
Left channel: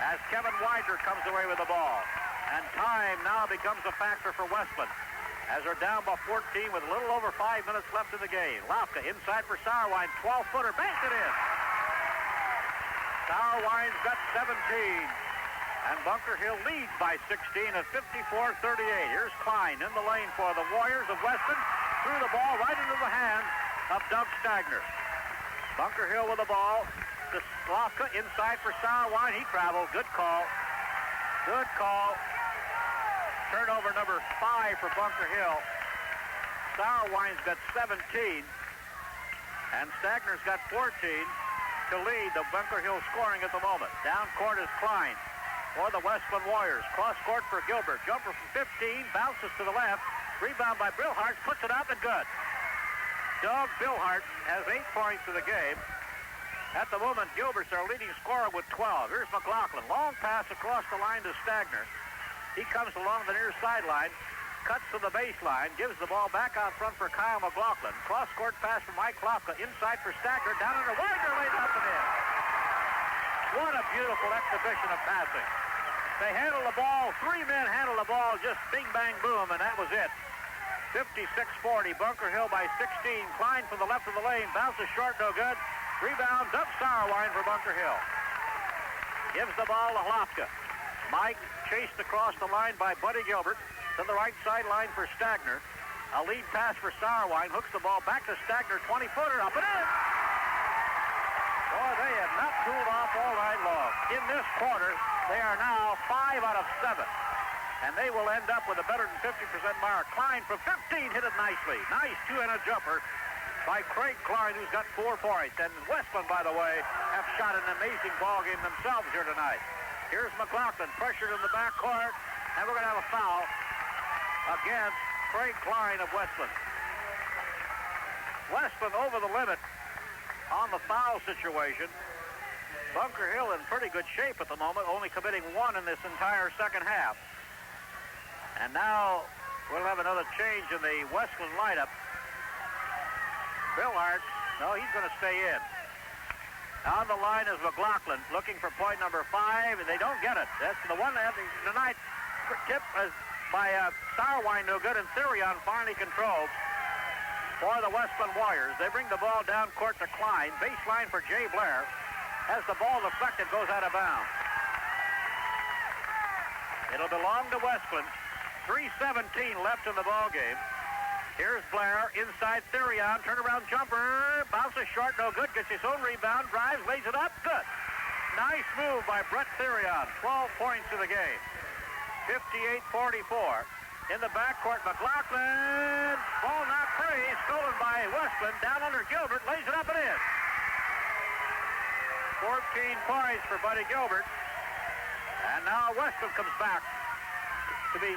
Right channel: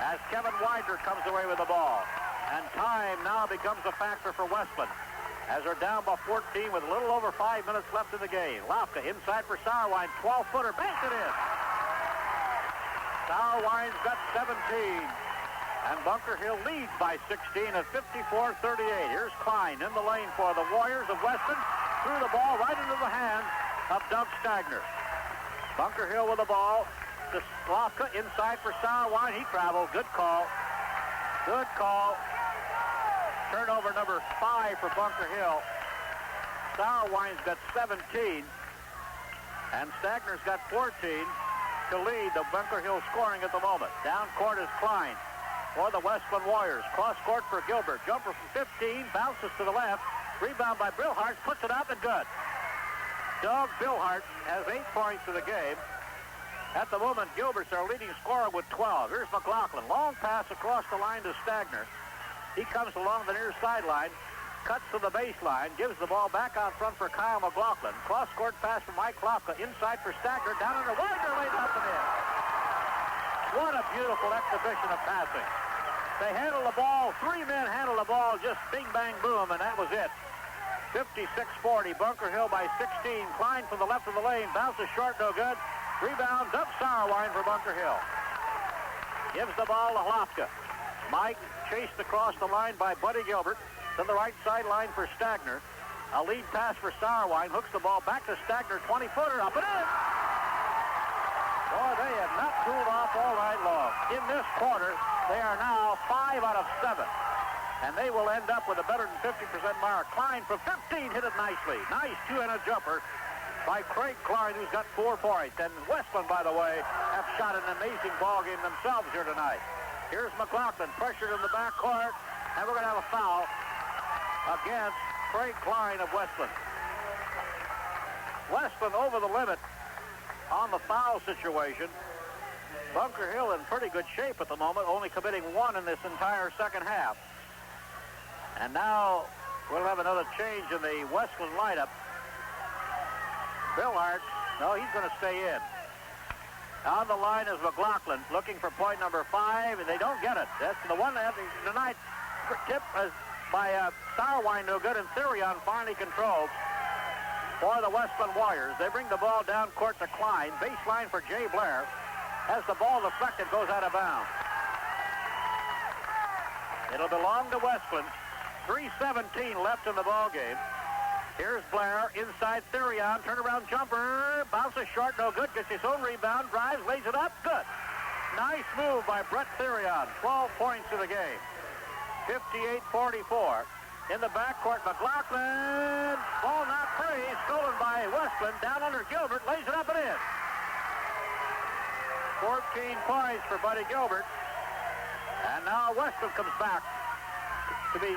As Kevin Widener comes away with the ball. And time now becomes a factor for Wesclin. As they're down by 14 with a little over 5 minutes left in the game. Lofka inside for Sauerwein. 12-footer. Banks it in. Sauerwein's got 17. And Bunker Hill leads by 16 at 54-38. Here's Klein in the lane for the Warriors of Wesclin. Threw the ball right into the hands of Doug Stagner. Bunker Hill with the ball. To Lofka inside for Sauerwein. He travels. Good call. Good call. Turnover number 5 for Bunker Hill. Sauerwein's got 17. And Stagner's got 14 to lead the Bunker Hill scoring at the moment. Down court is Klein for the Wesclin Warriors. Cross court for Gilbert. Jumper from 15. Bounces to the left. Rebound by Billhart. Puts it up and good. Doug Billhart has 8 points to the game. At the moment, Gilbert's our leading scorer with 12. Here's McLaughlin. Long pass across the line to Stagner. He comes along the near sideline, cuts to the baseline, gives the ball back out front for Kyle McLaughlin. Cross-court pass to Mike Lofka. Inside for Stagner. Down under Widener. Laid up and in. What a beautiful exhibition of passing. They handled the ball. 3 men handled the ball. Just bing, bang, boom, and that was it. 56-40. Bunker Hill by 16. Klein from the left of the lane. Bounces short, no good. Rebound, Doug Sauerwein for Bunker Hill. Gives the ball to Lofka. Mike chased across the line by Buddy Gilbert to the right sideline for Stagner. A lead pass for Sauerwein. Hooks the ball back to Stagner. 20-footer up and in. Oh, they have not cooled off all night long. In this quarter, they are now 5 out of 7. And they will end up with a better than 50% mark. Klein from 15 hit it nicely. Nice two-handed jumper by Craig Klein, who's got 4 points. And Wesclin, by the way, have shot an amazing ball game themselves here tonight. Here's McLaughlin, pressured in the backcourt, and we're going to have a foul against Craig Klein of Wesclin. Wesclin over the limit on the foul situation. Bunker Hill in pretty good shape at the moment, only committing 1 in this entire second half. And now we'll have another change in the Wesclin lineup. Billhart, no, he's going to stay in. On the line is McLaughlin looking for point number 5, and they don't get it. That's the one that tonight tip is by Sauerwein, no good, and Therion finally controlled for the Wesclin Warriors. They bring the ball down court to Klein. Baseline for Jay Blair. As the ball deflected, goes out of bounds. It'll belong to Wesclin. 3:17 left in the ball game. Here's Blair, inside Therion, turnaround jumper, bounces short, no good, gets his own rebound, drives, lays it up, good. Nice move by Brett Therion, 12 points in the game. 58-44. In the backcourt, McLaughlin, ball not free, stolen by Wesclin, down under Gilbert, lays it up and in. 14 points for Buddy Gilbert. And now Wesclin comes back to be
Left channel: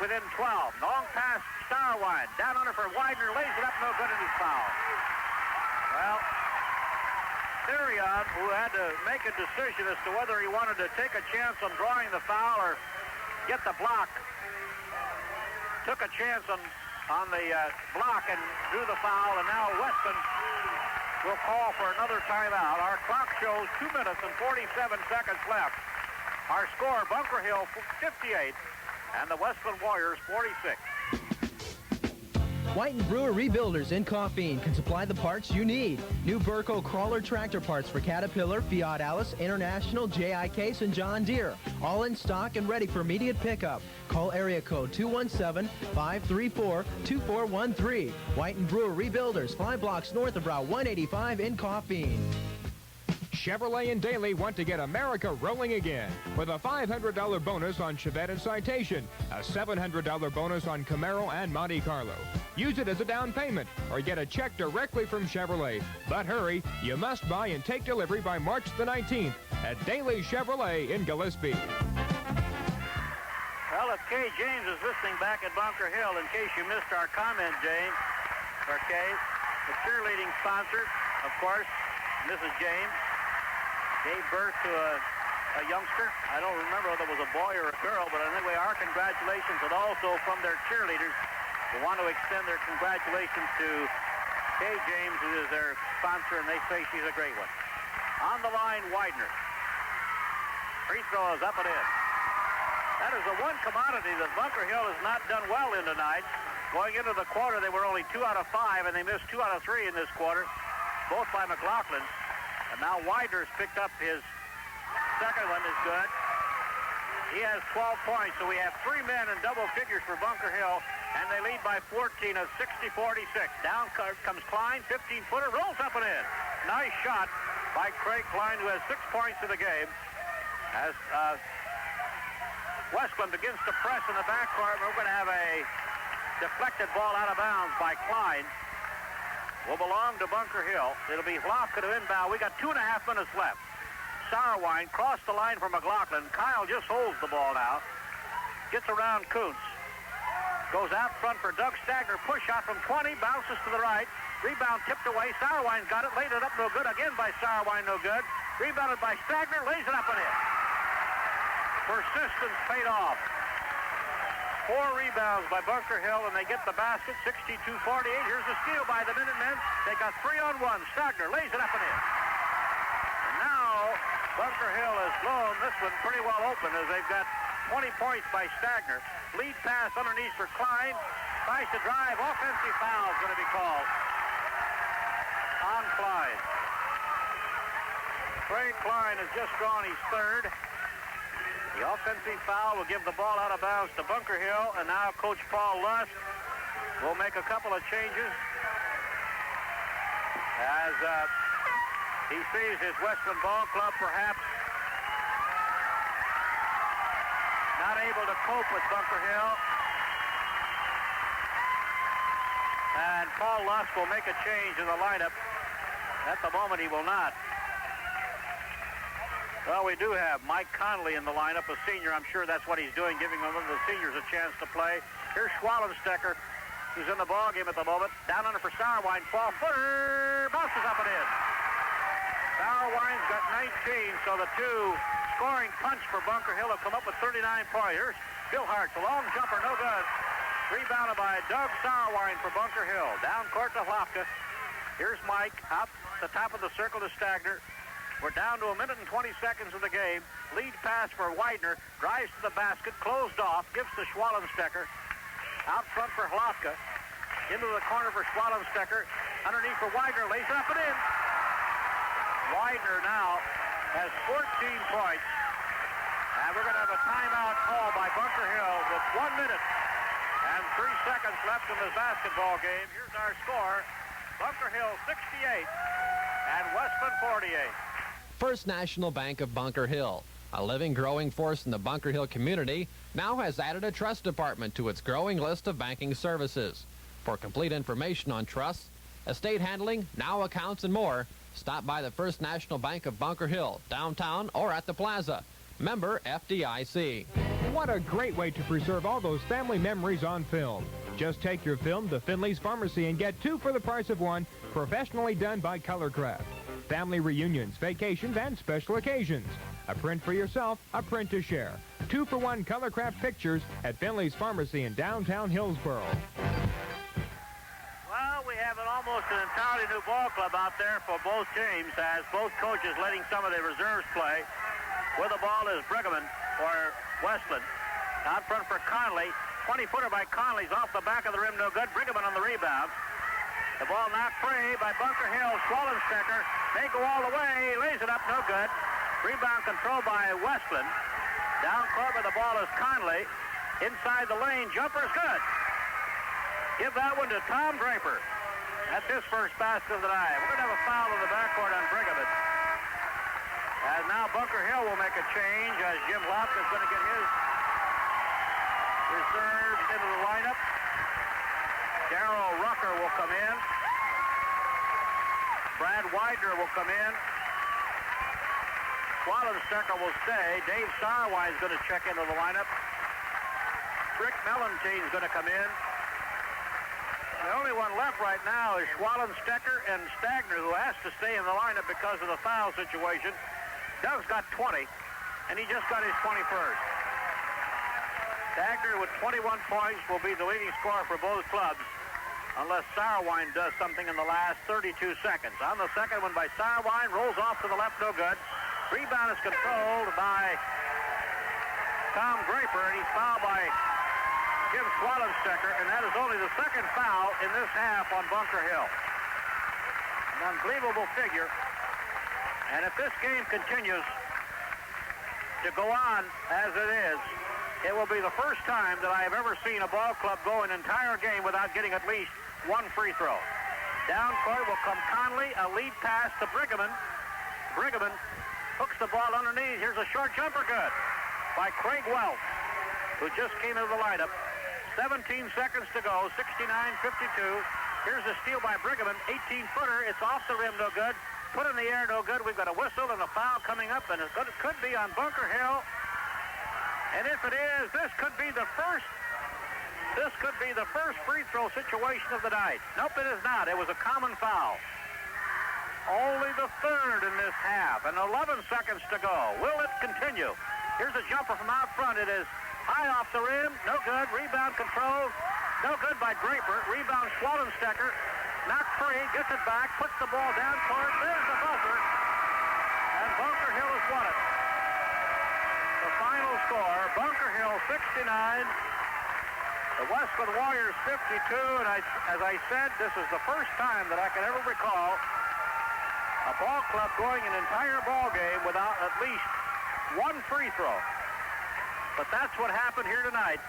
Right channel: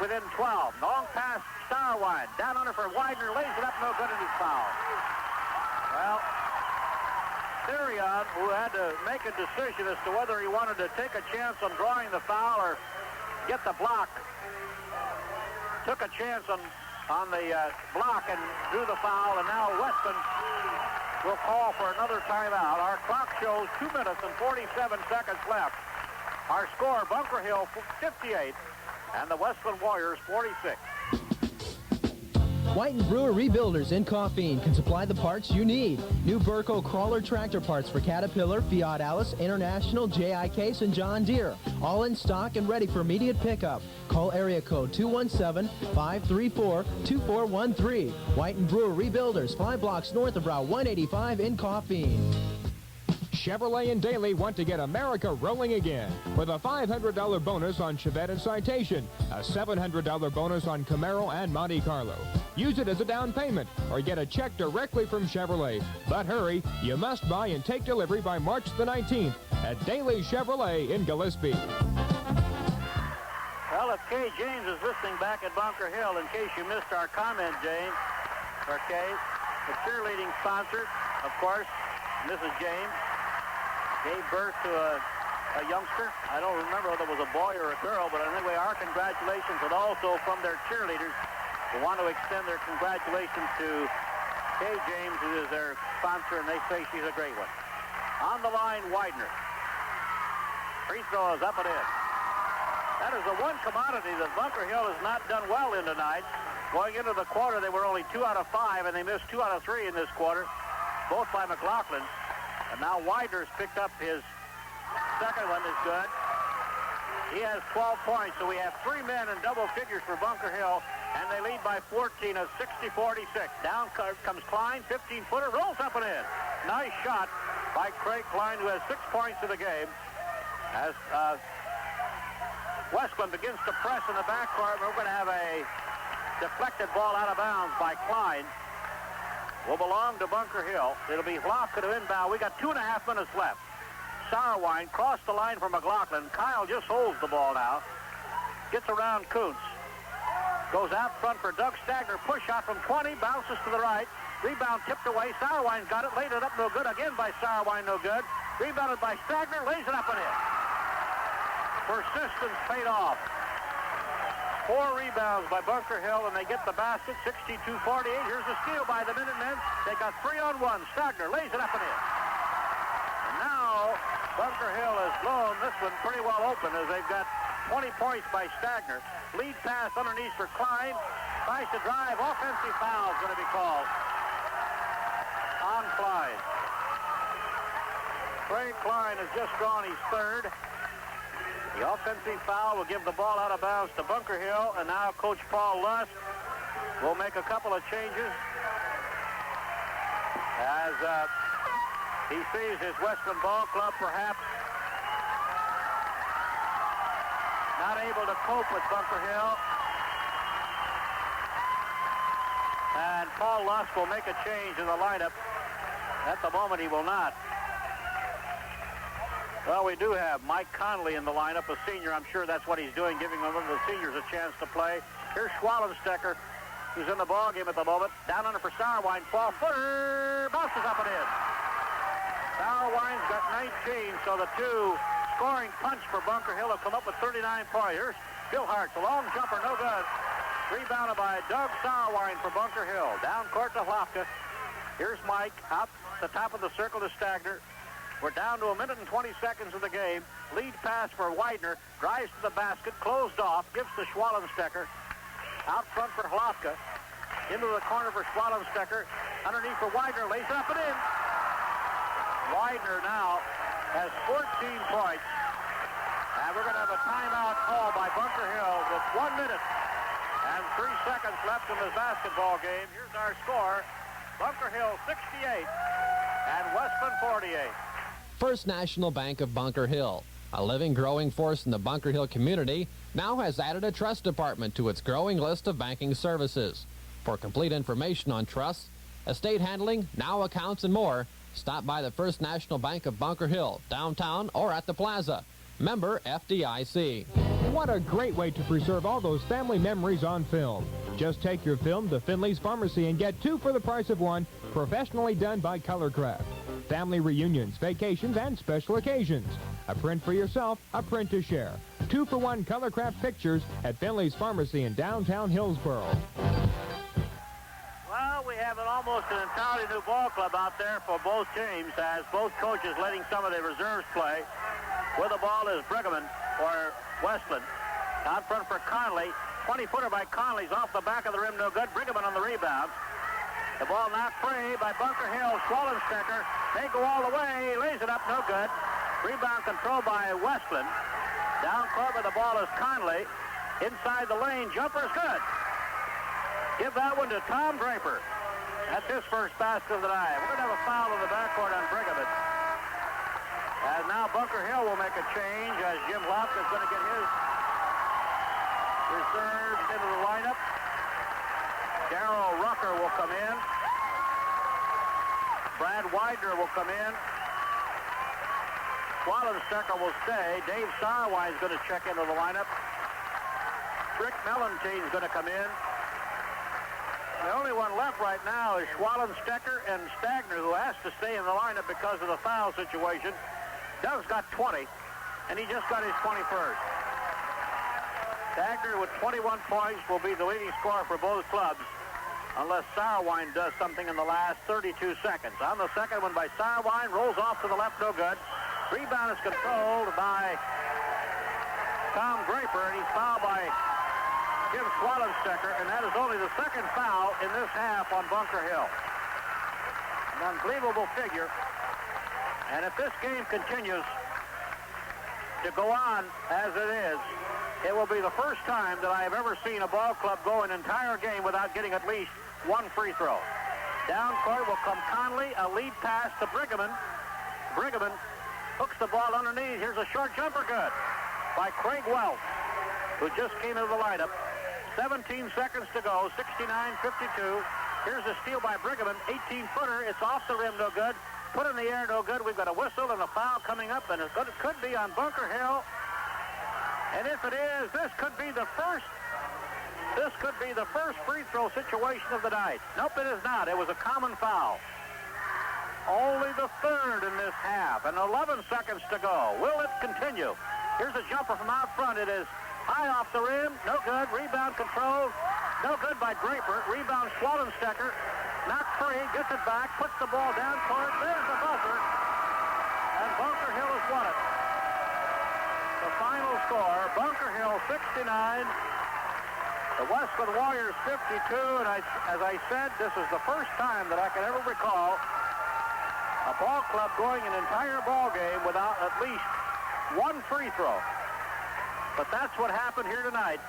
within 12. Long pass, Starwine, down under for Widener, lays it up, no good, and he's fouled. Well, Therion, who had to make a decision as to whether he wanted to take a chance on drawing the foul or get the block, took a chance on the block and drew the foul, and now Wesclin will call for another timeout. Our clock shows 2 minutes and 47 seconds left. Our score, Bunker Hill 58, and the Wesclin Warriors 46. White and Brewer Rebuilders in Coffeen can supply the parts you need. New Burco crawler tractor parts for Caterpillar, Fiat Alice, International, JIK, and John Deere. All in stock and ready for immediate pickup. Call area code 217-534-2413. White and Brewer Rebuilders, 5 blocks north of Route 185 in Coffeen. Chevrolet and Daly want to get America rolling again with a $500 bonus on Chevette and Citation, a $700 bonus on Camaro and Monte Carlo. Use it as a down payment or get a check directly from Chevrolet. But hurry, you must buy and take delivery by March the 19th at Daly Chevrolet in Gillespie. Well, if Kay James is listening back at Bunker Hill, in case you missed our comment, James, or Kay, the cheerleading sponsor, of course, Mrs. James, gave birth to a youngster. I don't remember whether it was a boy or a girl, but anyway, our congratulations, and also from their cheerleaders, we want to extend their congratulations to Kay James, who is their sponsor, and they say she's a great one. On the line, Widener. Free throw is up and in. That is the one commodity that Bunker Hill has not done well in tonight. Going into the quarter, they were only 2 out of 5, and they missed 2 out of 3 in this quarter, both by McLaughlin. And now Widener's picked up his second one, is good. He has 12 points, so we have 3 men in double figures for Bunker Hill, and they lead by 14 of 60-46. Down comes Klein, 15-footer, rolls up and in. Nice shot by Craig Klein, who has 6 points in the game. As Wesclin begins to press in the backcourt, we're going to have a deflected ball out of bounds by Klein. Will belong to Bunker Hill. It'll be Lofka to inbound. We got 2.5 minutes left. Sauerwein crossed the line for McLaughlin. Kyle just holds the ball now. Gets around Kuntz. Goes out front for Doug Stagner. Push shot from 20. Bounces to the right. Rebound tipped away. Sauerwein's got it. Laid it up no good. Again by Sauerwein, no good. Rebounded by Stagner. Lays it up and in. Persistence paid off. 4 rebounds by Bunker Hill, and they get the basket, 62-48. Here's the steal by the Minutemen. They got 3-on-1. Stagner lays it up and in. And now Bunker Hill has blown this one pretty well open as they've got 20 points by Stagner. Lead pass underneath for Klein. Tries to drive. Offensive foul is going to be called on Klein. Craig Klein has just drawn his third. The offensive foul will give the ball out of bounds to Bunker Hill, and now Coach Paul Lust will make a couple of changes as he sees his Wesclin Ball Club perhaps not able to cope with Bunker Hill. And Paul Lust will make a change in the lineup. At the moment, he will not. Well, we do have Mike Connolly in the lineup, a senior. I'm sure that's what he's doing, giving one of the seniors a chance to play. Here's Schwallenstecker, who's in the ballgame at the moment. Down under for Starwine. 12-footer. Bounces up and in. Starwine's got 19, so the two scoring punch for Bunker Hill have come up with 39 points. Here's Bill Hart, the long jumper, no good. Rebounded by Doug Starwine for Bunker Hill. Down court to Lofka. Here's Mike, out the top of the circle to Stagner. We're down to 1 minute and 20 seconds of the game. Lead pass for Widener. Drives to the basket. Closed off. Gives to Schwallenstecker. Out front for Hlofka. Into the corner for Schwallenstecker. Underneath for Widener. Lays it up and in. Widener now has 14 points. And we're going to have a timeout call by Bunker Hill with 1 minute and 3 seconds left in this basketball game. Here's our score. Bunker Hill 68 and Wesclin 48. First National Bank of Bunker Hill, a living, growing force in the Bunker Hill community, now has added a trust department to its growing list of banking services. For complete information on trusts, estate handling, now accounts, and more, stop by the First National Bank of Bunker Hill, downtown or at the plaza. Member FDIC. What a great way to preserve all those family memories on film. Just take your film to Finley's Pharmacy and get 2 for the price of 1, professionally done by Colorcraft. Family reunions, vacations, and special occasions. A print for yourself, a print to share. 2 for 1 Colorcraft pictures at Finley's Pharmacy in downtown Hillsboro. Well, we have almost an entirely new ball club out there for both teams, as both coaches letting some of the reserves play. With the ball is Brigham or Wesclin. Out front for Conley. 20-footer by Conley's off the back of the rim, no good. Brigham on the rebound. The ball knocked free by Bunker Hill. Swallenstecker may go all the way. He lays it up, no good. Rebound control by Wesclin. Down court with the ball is Conley. Inside the lane, jumper is good. Give that one to Tom Draper. That's his first basket of the night. We're going to have a foul in the backcourt on Brigham. As now Bunker Hill will make a change as Jim Locke is going to get his reserves into the lineup. Darrell Rucker will come in. Brad Widener will come in. Swallenstecker will stay. Dave Sarwine is going to check into the lineup. Rick Mellentine is going to come in. The only one left right now is Swallenstecker and Stagner, who has to stay in the lineup because of the foul situation. Doug's got 20, and he just got his 21st. Stagner with 21 points will be the leading scorer for both clubs, unless Sarwine does something in the last 32 seconds. On the second one by Sarwine, rolls off to the left, no good. Rebound is controlled by Tom Draper, and he's fouled by Jim Swallenstecker, and that is only the second foul in this half on Bunker Hill. An unbelievable figure. And if this game continues to go on as it is, it will be the first time that I have ever seen a ball club go an entire game without getting at least 1 free throw. Down court will come Conley, a lead pass to Brigham. Brigham hooks the ball underneath. Here's a short jumper, good, by Craig Welch, who just came into the lineup. 17 seconds to go, 69-52. Here's a steal by Brigham, 18-footer. It's off the rim, no good. Put in the air, no good. We've got a whistle and a foul coming up, and it could be on Bunker Hill. And if it is, this could be the first free throw situation of the night. Nope, it is not. It was a common foul. Only the third in this half, and 11 seconds to go. Will it continue? Here's a jumper from out front. It is high off the rim, no good. Rebound control, no good by Draper. Rebound Swallenstecker. Knocked free, gets it back, puts the ball down court. There's the buzzer, and Bunker Hill has won it. The final score, Bunker Hill 69, the Wesclin Warriors 52, and as I said, this is the first time that I can ever recall a ball club going an entire ball game without at least 1 free throw. But that's what happened here tonight,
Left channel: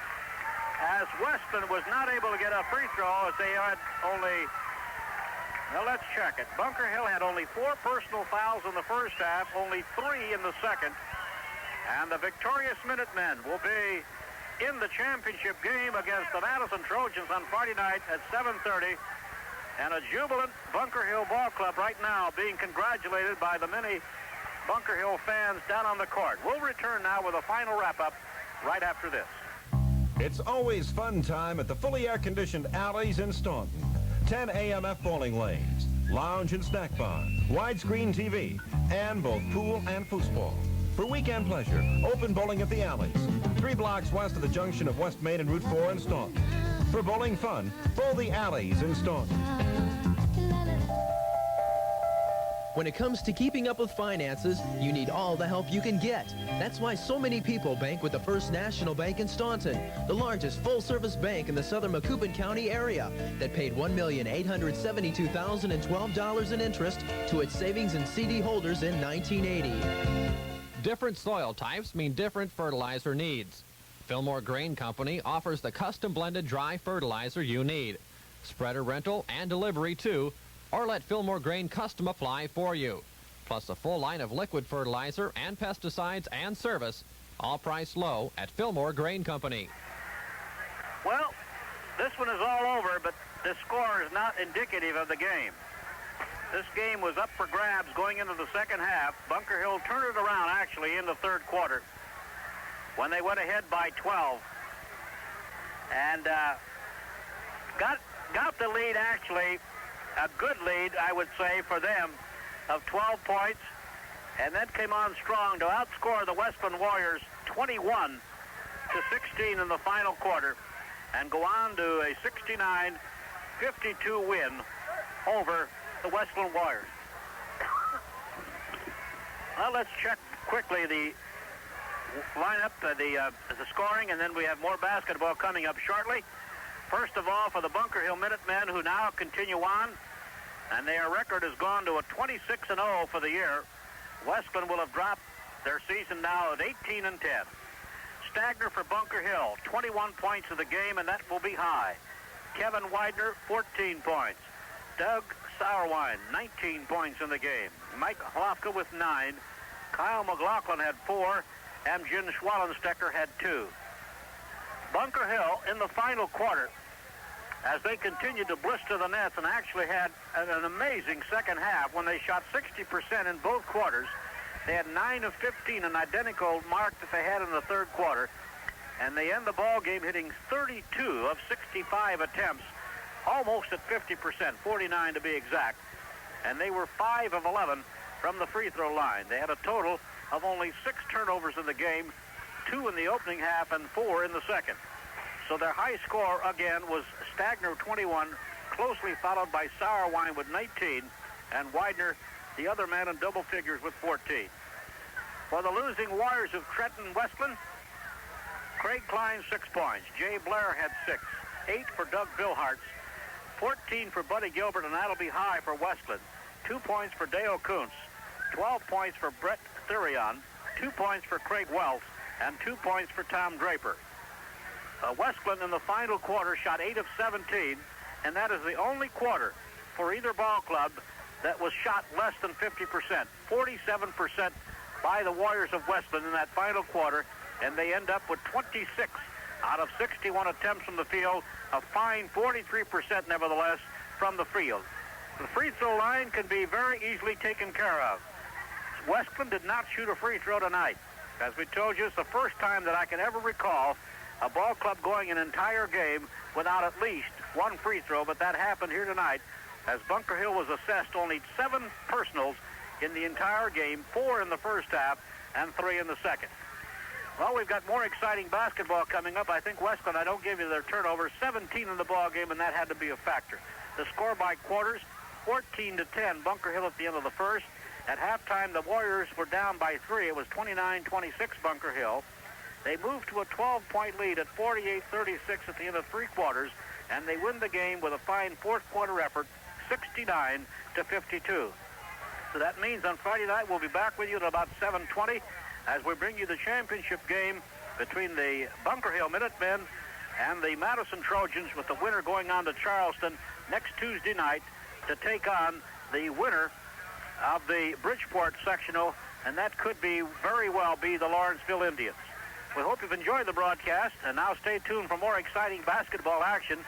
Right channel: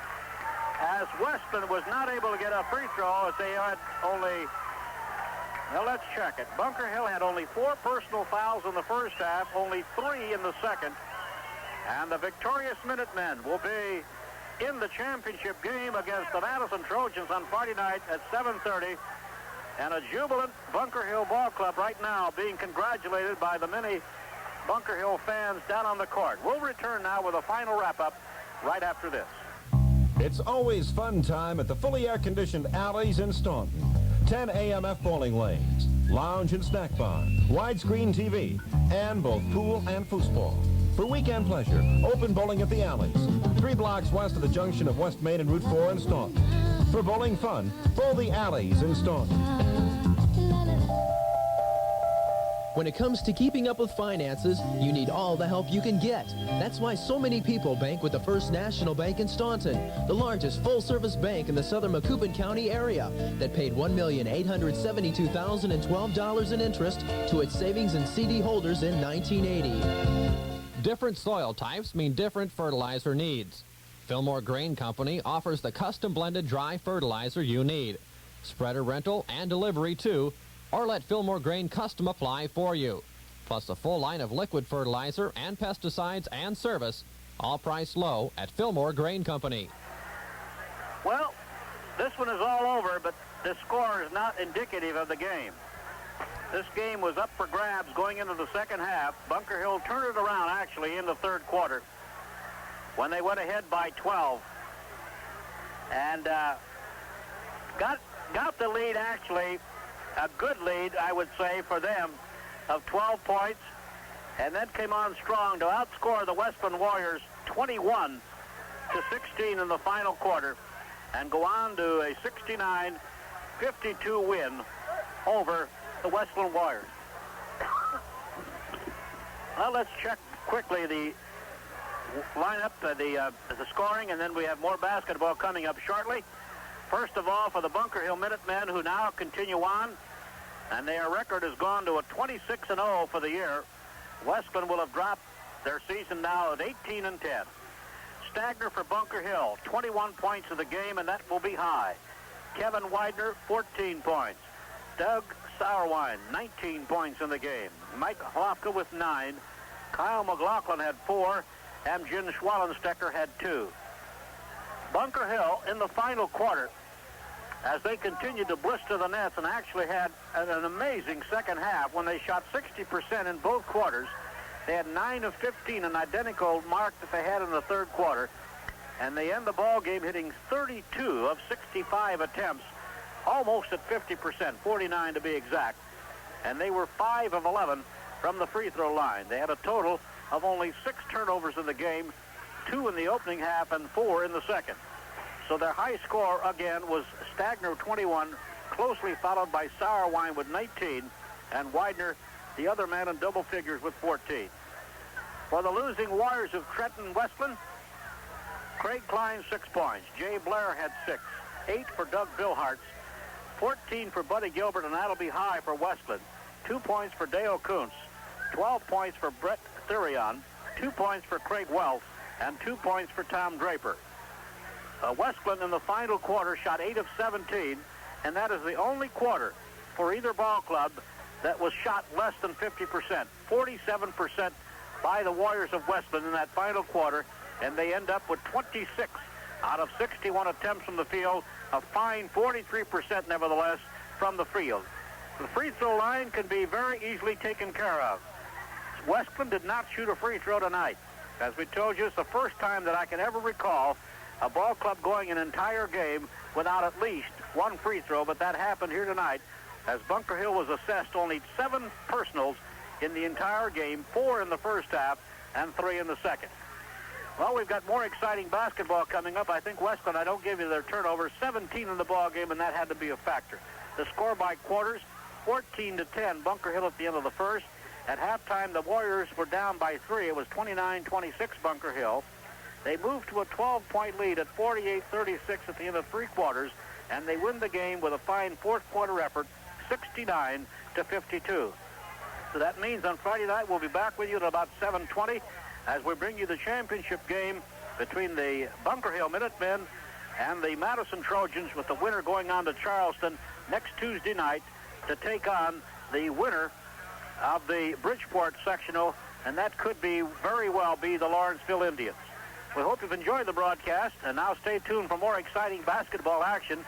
as Wesclin was not able to get a free throw, as they had only... Now let's check it. Bunker Hill had only 4 personal fouls in the first half, only 3 in the second. And the victorious Minutemen will be in the championship game against the Madison Trojans on Friday night at 7:30. And a jubilant Bunker Hill Ball Club right now being congratulated by the many Bunker Hill fans down on the court. We'll return now with a final wrap-up right after this. It's always fun time at the fully air-conditioned Alleys in Staunton. 10 AMF bowling lanes, lounge and snack bar, widescreen TV, and both pool and foosball. For weekend pleasure, open bowling at the Alleys, 3 blocks west of the junction of West Main and Route 4 in Staunton. For bowling fun, bowl the Alleys in Staunton. When it comes to keeping up with finances, you need all the help you can get. That's why so many people bank with the First National Bank in Staunton, the largest full-service bank in the southern Macoupin County area that paid $1,872,012 in interest to its savings and CD holders in 1980. Different soil types mean different fertilizer needs. Fillmore Grain Company offers the custom blended dry fertilizer you need. Spreader rental and delivery too, or let Fillmore Grain Custom apply for you. Plus a full line of liquid fertilizer and pesticides and service, all priced low at Fillmore Grain Company. Well, this one is all over, but the score is not indicative of the game. This game was up for grabs going into the second half. Bunker Hill turned it around, actually, in the third quarter when they went ahead by 12. And got the lead, actually, a good lead, I would say, for them, of 12 points. And then came on strong to outscore the Wesclin Warriors 21-16 in the final quarter and go on to a 69-52 win over the Wesclin Warriors. Well, let's check quickly the lineup, the scoring, and then we have more basketball coming up shortly. First of all, for the Bunker Hill Minutemen, who now continue on, and their record has gone to a 26-0 for the year. Wesclin will have dropped their season now at 18-10. Stagner for Bunker Hill, 21 points in the game, and that will be high. Kevin Widener, 14 points. Doug Sauerwein, 19 points in the game. Mike Hlofka with 9. Kyle McLaughlin had 4. And Jim Schwallenstecker had 2. Bunker Hill in the final quarter, as they continued to blister the nets and actually had an amazing second half when they shot 60% in both quarters. They had 9 of 15, an identical mark that they had in the third quarter. And they end the ball game hitting 32 of 65 attempts, almost at 50%, 49 to be exact. And they were 5 of 11 from the free throw line. They had a total of only 6 turnovers in the game, 2 in the opening half and 4 in the second. So their high score, again, was Stagner, 21, closely followed by Sauerwein with 19, and Widener, the other man, in double figures with 14. For the losing Warriors of Trenton Wesclin, Craig Klein, 6 points. Jay Blair had 6. 8 for Doug Bilhart. 14 for Buddy Gilbert, and that'll be high for Wesclin. 2 points for Dale Kuntz. 12 points for Brett Thurion. 2 points for Craig Wells, and 2 points for Tom Draper. Wesclin in the final quarter shot 8 of 17, and that is the only quarter for either ball club that was shot less than 50%. 47% by the Warriors of Wesclin in that final quarter, and they end up with 26 out of 61 attempts from the field, a fine 43% nevertheless from the field. The free throw line can be very easily taken care of. Wesclin did not shoot a free throw tonight. As we told you, it's the first time that I can ever recall a ball club going an entire game without at least one free throw, but that happened here tonight as Bunker Hill was assessed only 7 personals in the entire game, 4 in the first half and 3 in the second. Well, we've got more exciting basketball coming up. I think Wesclin, I don't give you their turnovers, 17 in the ball game, and that had to be a factor. The score by quarters, 14-10, Bunker Hill at the end of the first. At halftime, the Warriors were down by 3. It was 29-26 Bunker Hill. They moved to a 12-point lead at 48-36 at the end of 3 quarters, and they win the game with a fine fourth-quarter effort, 69-52. So that means on Friday night we'll be back with you at about 7:20 as we bring you the championship game between the Bunker Hill Minutemen and the Madison Trojans, with the winner going on to Charleston next Tuesday night to take on the winner of the Bridgeport Sectional, and that could be very well be the Lawrenceville Indians. We hope you've enjoyed the broadcast, and now stay tuned for more exciting basketball action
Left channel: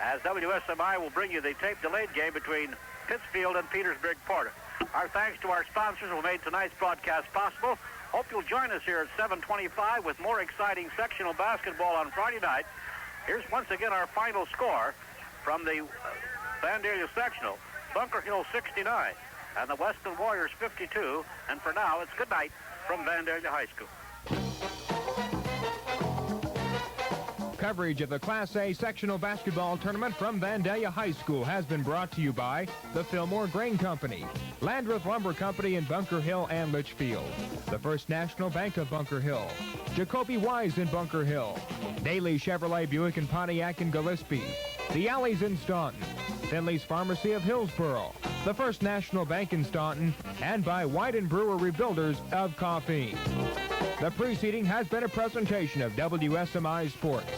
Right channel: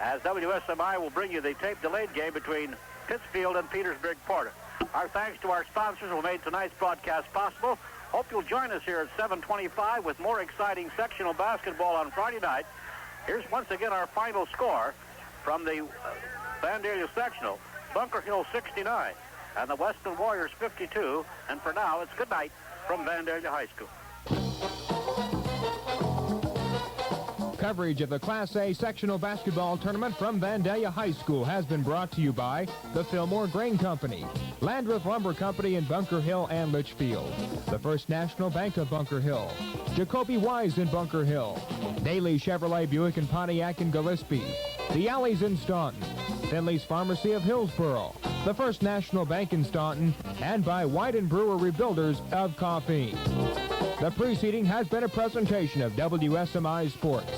as WSMI will bring you the tape-delayed game between Pittsfield and Petersburg-Porter. Our thanks to our sponsors who made tonight's broadcast possible. Hope you'll join us here at 7:25 with more exciting sectional basketball on Friday night. Here's once again our final score from the Vandalia Sectional. Bunker Hill 69 and the Wesclin Warriors 52. And for now, it's good night from Vandalia High School. Coverage of the Class A sectional basketball tournament from Vandalia High School has been brought to you by the Fillmore Grain Company, Landreth Lumber Company in Bunker Hill and Litchfield, the First National Bank of Bunker Hill, Jacoby Wise in Bunker Hill, Daly Chevrolet Buick and Pontiac in Gillespie, the Alleys in Staunton, Finley's Pharmacy of Hillsboro, the First National Bank in Staunton, and by White & Brewer Rebuilders of Coffee. The preceding has been a presentation of WSMI Sports.